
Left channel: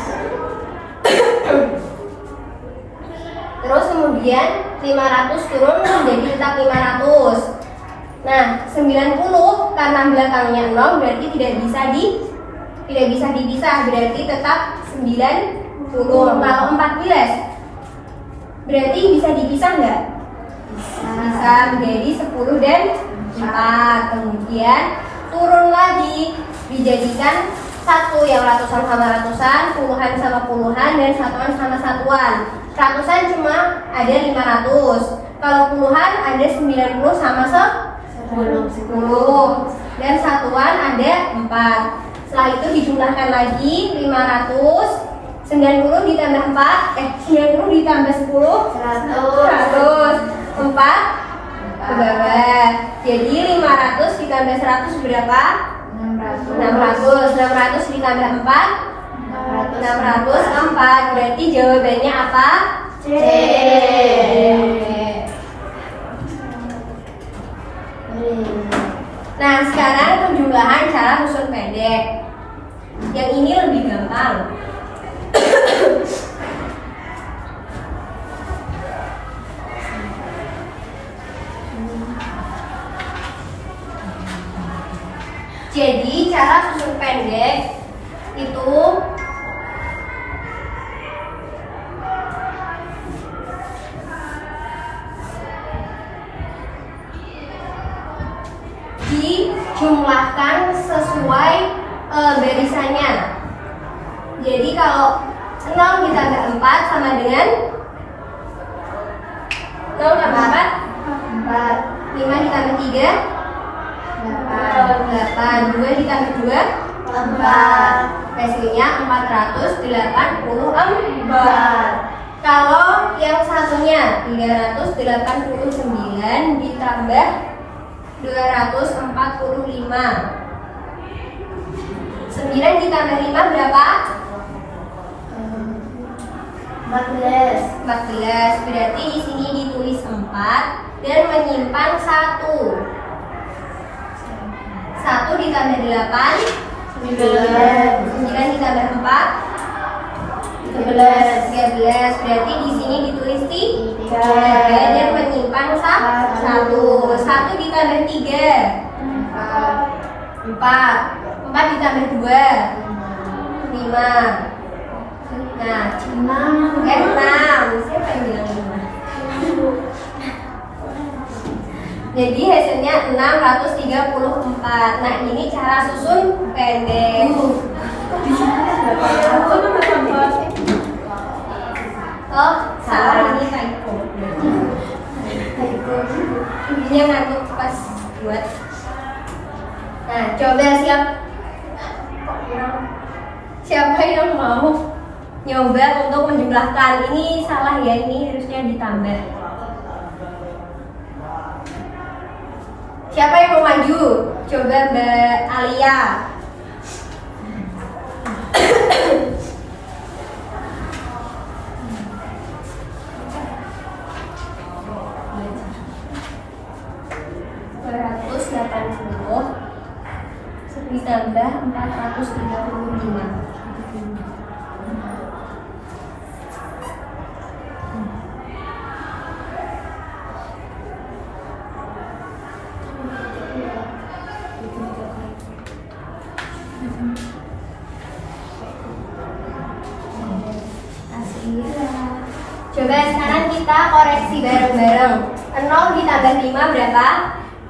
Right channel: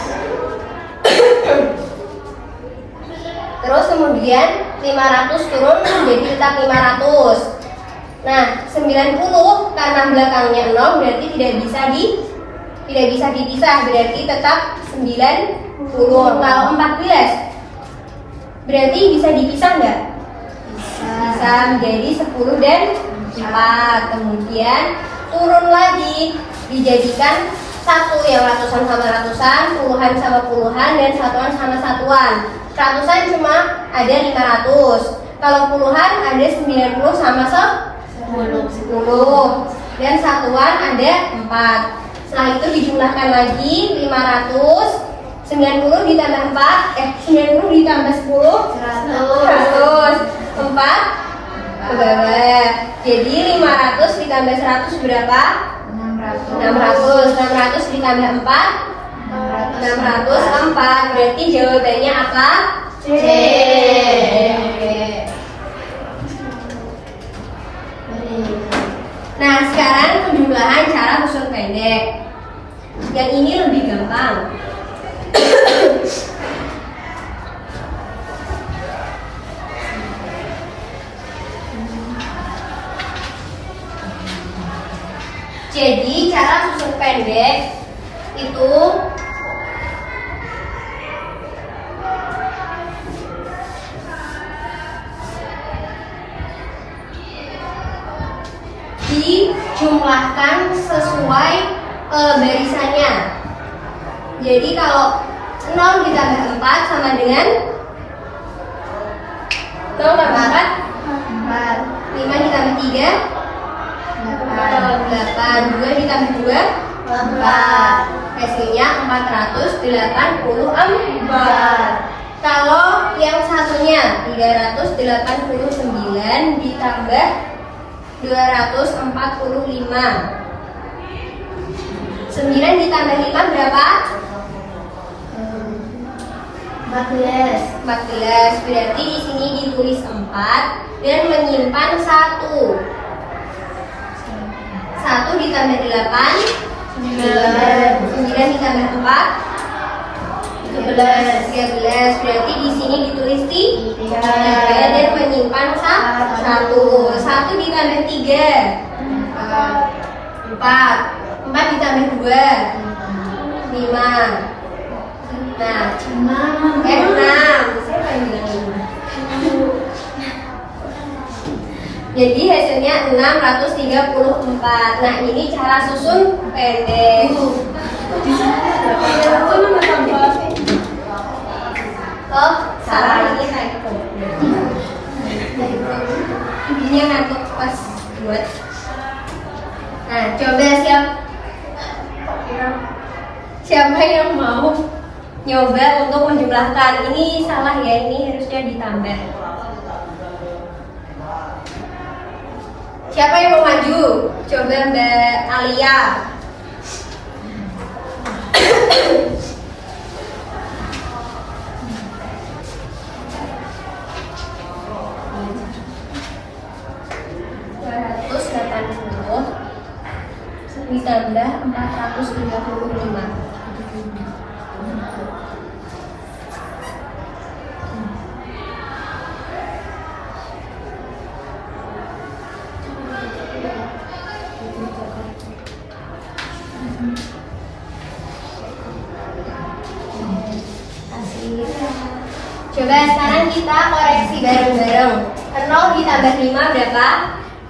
Terus kemudian 500 turun menjadi tetap 500. Nah, 90 karena belakangnya 0 berarti tidak bisa dipisah, berarti tetap 90. Kalau 14 berarti bisa dipisah nggak? Bisa menjadi 10 dan 4. Kemudian turun lagi dijadikan satu, yang ratusan sama ratusan, puluhan sama puluhan, dan satuan sama satuan. Ratusan cuma ada 500. Kalau puluhan ada 90 sama 10, dan satuan ada 4. Setelah itu dijumlahkan lagi 500, 90 ditambah 4, 90 ditambah 10, 100, 4 ke bawah. Jadi 500 ditambah 100 berapa? 600. 600 ditambah 4, 604. Berarti jawabannya apa? C. Nah, sekarang penjumlahan cara rusun pendek. Yang ini lebih gampang. cara susun pendek itu dijumlahkan sesuai barisannya. Jadi kalau 0 ditambah 4 sama dengan 0 tambah 4 5 ditambah 3 8 2 ditambah 2 4. Hasilnya 484. Kalau yang satunya 389 ditambah 245. 9 ditambah 5 berapa? 14. 14. Berarti di sini ditulis 4 dan menyimpan 1. 1 ditambah 8 9 ditambah 4 13. Berarti di sini ditulis 3 dan menyimpan 1. 1 ditambah 3 4 ditambah 2 5. Nah, 6. Siapa yang bilang 5? Jadi hasilnya 634. Nah, ini cara susun pendek. Oh, salah, ini typo. Ibunya ngantuk pas buat. Nah, coba siapa yang mau nyoba untuk menjumlahkan? Ini salah ya, ini harusnya ditambah. Siapa yang mau maju? Coba Mbak Alia. Ditambah 435. Coba sekarang kita koreksi bareng-bareng. 0 ditambah 5 berapa?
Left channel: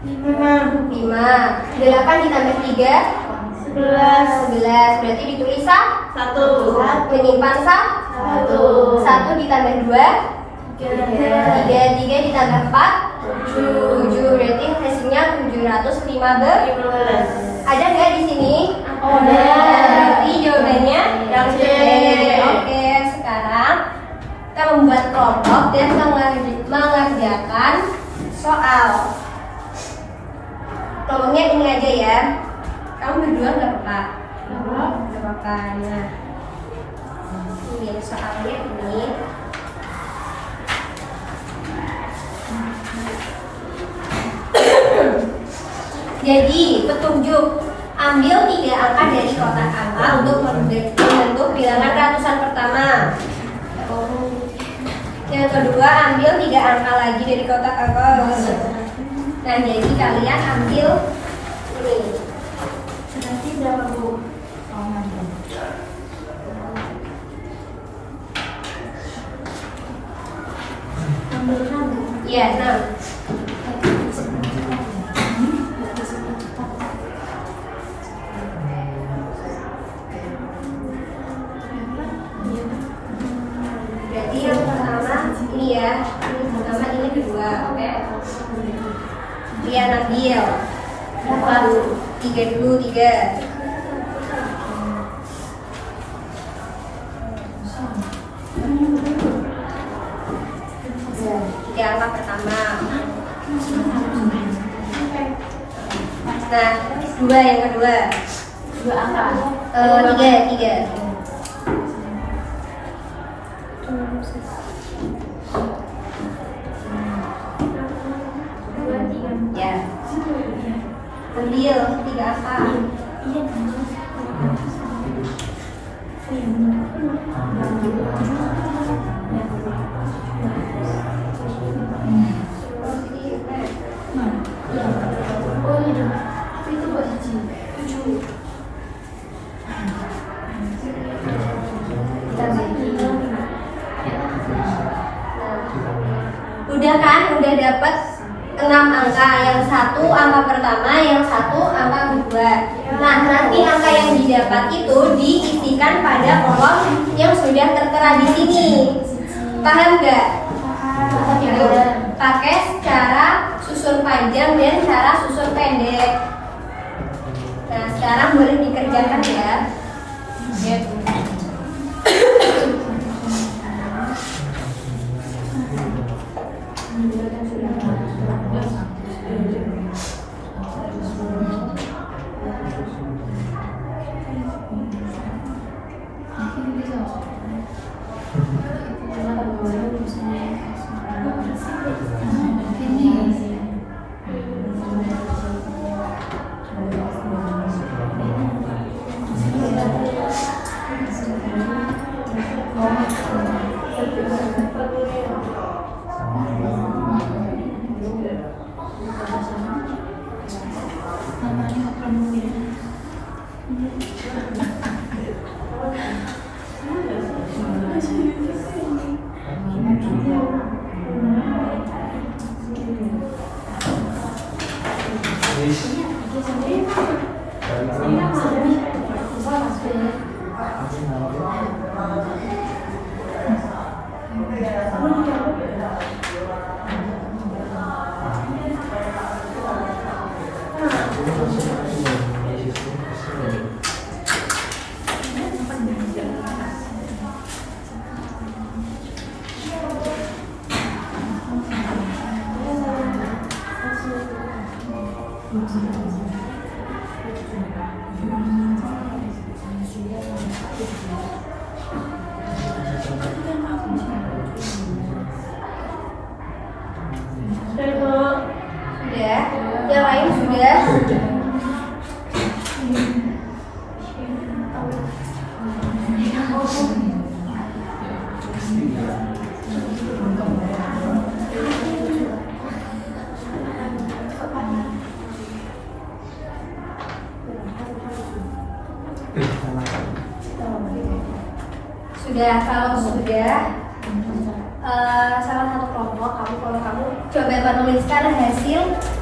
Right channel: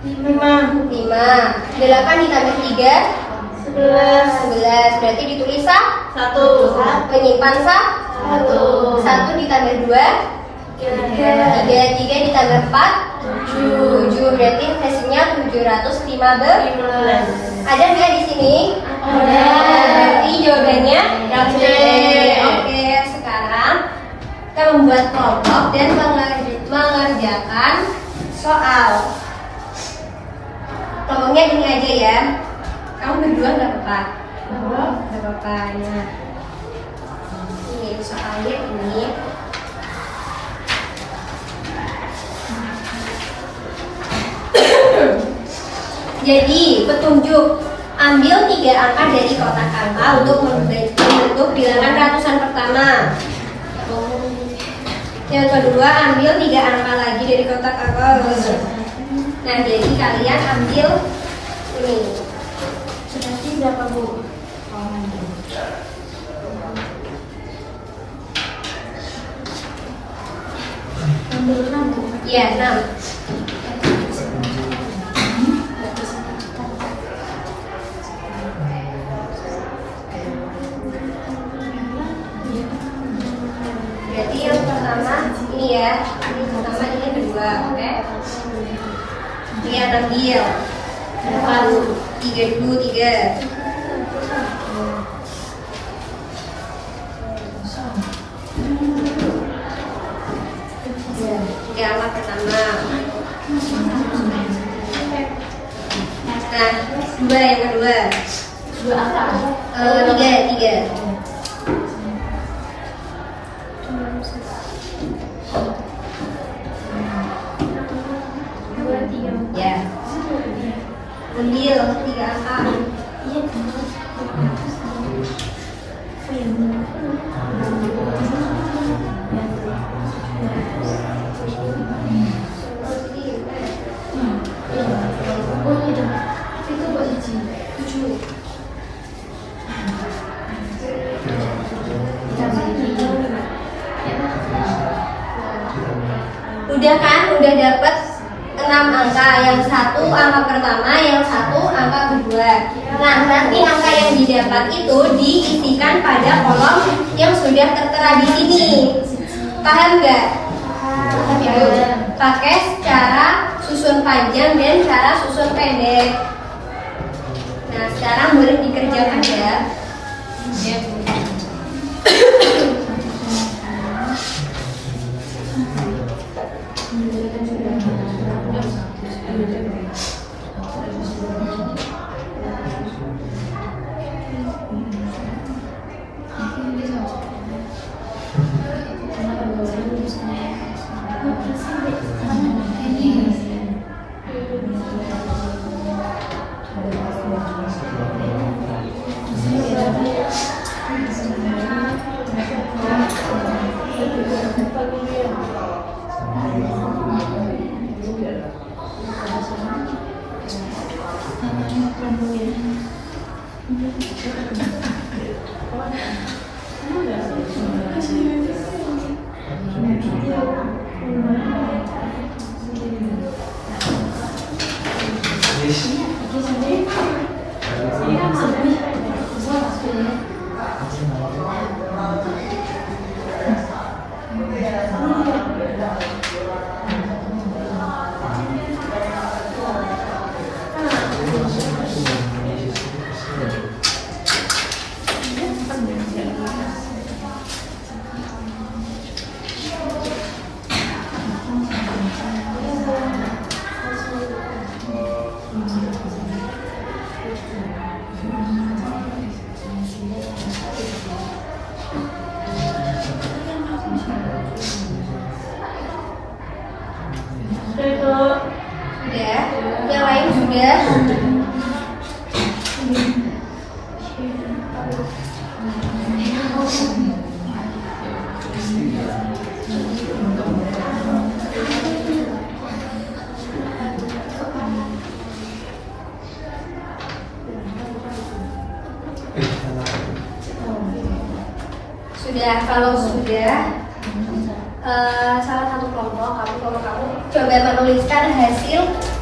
5. 8 ditambah 3 11. Berarti ditulis 1. Menyimpan 1 ditambah 2 3 ditambah 4 7. Berarti hasilnya 715. Ada nggak di sini? Ada. Berarti jawabannya yang C. Oke, sekarang kita membuat kelompok dan mengerjakan soal. Kelompoknya ini aja ya. Kamu berdua nggak apa-apa. Nggak apa-apa. Nah, ini soalnya ini. Jadi petunjuk, ambil 3 angka dari kotak angka untuk membentuk bilangan ratusan pertama. Yang kedua, ambil 3 angka lagi dari kotak angka. Nah, jadi kalian ambil ini. Berarti berapa, Bu? Ambil 6, Bu. Iya, 6. Berarti yang pertama ini ya. Ini pertama, ini kedua, oke? Lihat ambil. Berapa? 3 dulu, 3. Tiga angka pertama. Nah, 2 yang kedua. 2 angka. 3. Ya. Ambil 3 angka. Iya, Oh, itu itu buat 7. Udah kan? Udah dapat 6 angka. Yang satu angka pertama, yang satu angka kedua. Nah, nanti angka yang didapat itu diisikan pada kolom yang sudah tertera di sini. Paham nggak? Itu pakai cara susun panjang dan cara susun pendek. Nah, sekarang boleh dikerjakan ya. Sudah? Yang lain sudah? Sudah, kalau sudah salah satu kelompok kamu coba menuliskan hasil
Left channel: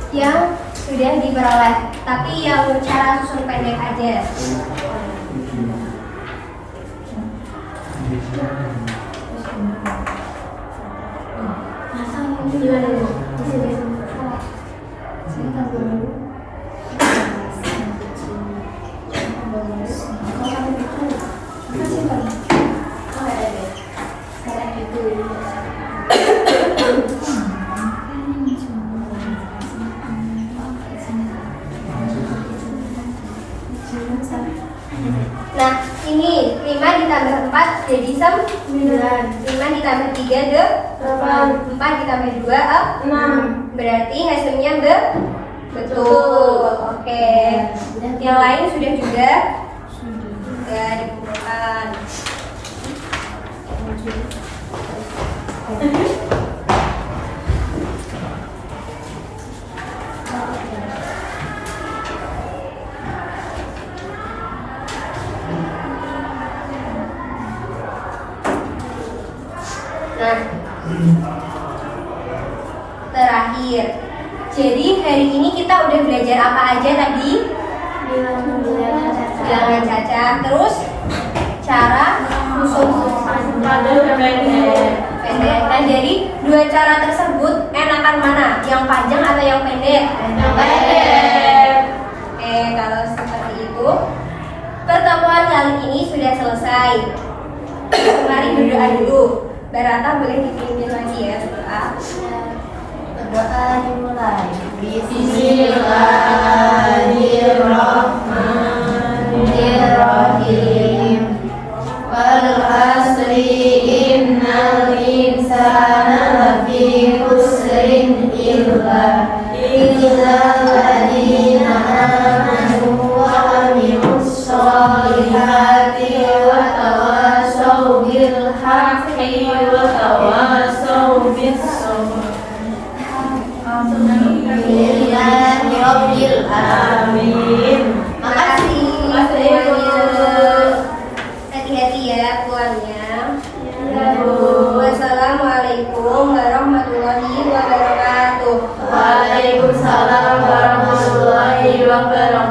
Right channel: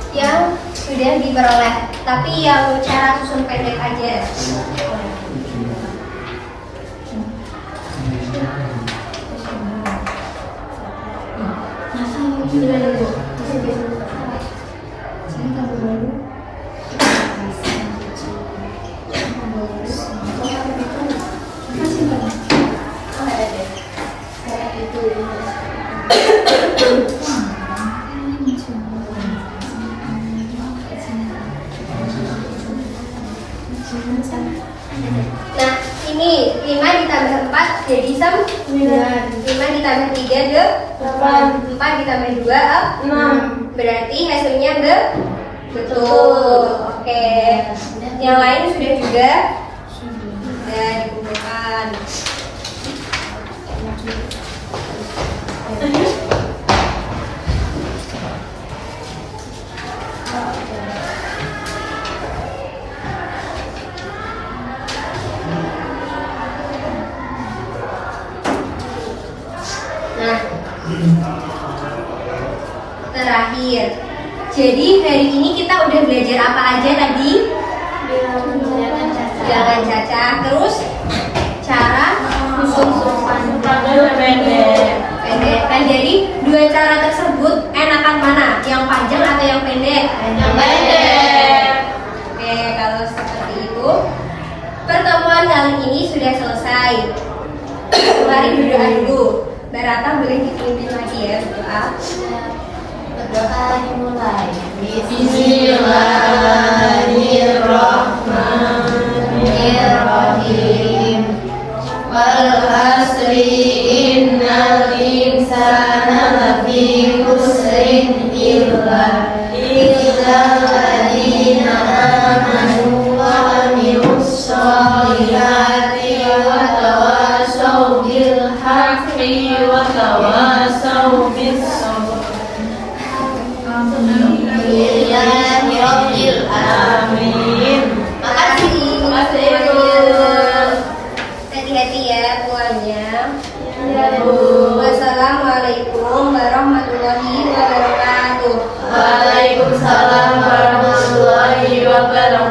yang sudah diperoleh, tapi yang cara susun pendek aja. Nah, ini 5 ditambah 4 jadi 9. 5 ditambah 3 8. 4 ditambah 2 6. Berarti hasilnya betul. Oke. Yang lain sudah juga? Sudah dikumpulkan. Nah, terakhir. Jadi hari ini kita udah belajar apa aja tadi? Bilangan cacah. Terus cara susun pendek. Nah, jadi dua cara tersebut enakan mana? Yang panjang atau yang pendek? Yang pendek. Oke, kalau seperti itu pertemuan kali ini sudah selesai. Mari berdoa dulu. Barata boleh dipimpin lagi ya berdoa. Berdoa dimulai. Bismillahirrahmanirrahim. Wal asri innal insana lafi khusrin illa alladziina aamanu wa 'amilus shalihati wa tawasaw bil haqqi wa tawasaw bis sabr. Alhamdulillahi rabbil alamin. Makasih. Makasih, Bu. Hati-hati ya pulangnya. Iya, Bu. Wassalamualaikum warahmatullahi wabarakatuh. Waalaikumsalam warahmatullahi wabarakatuh.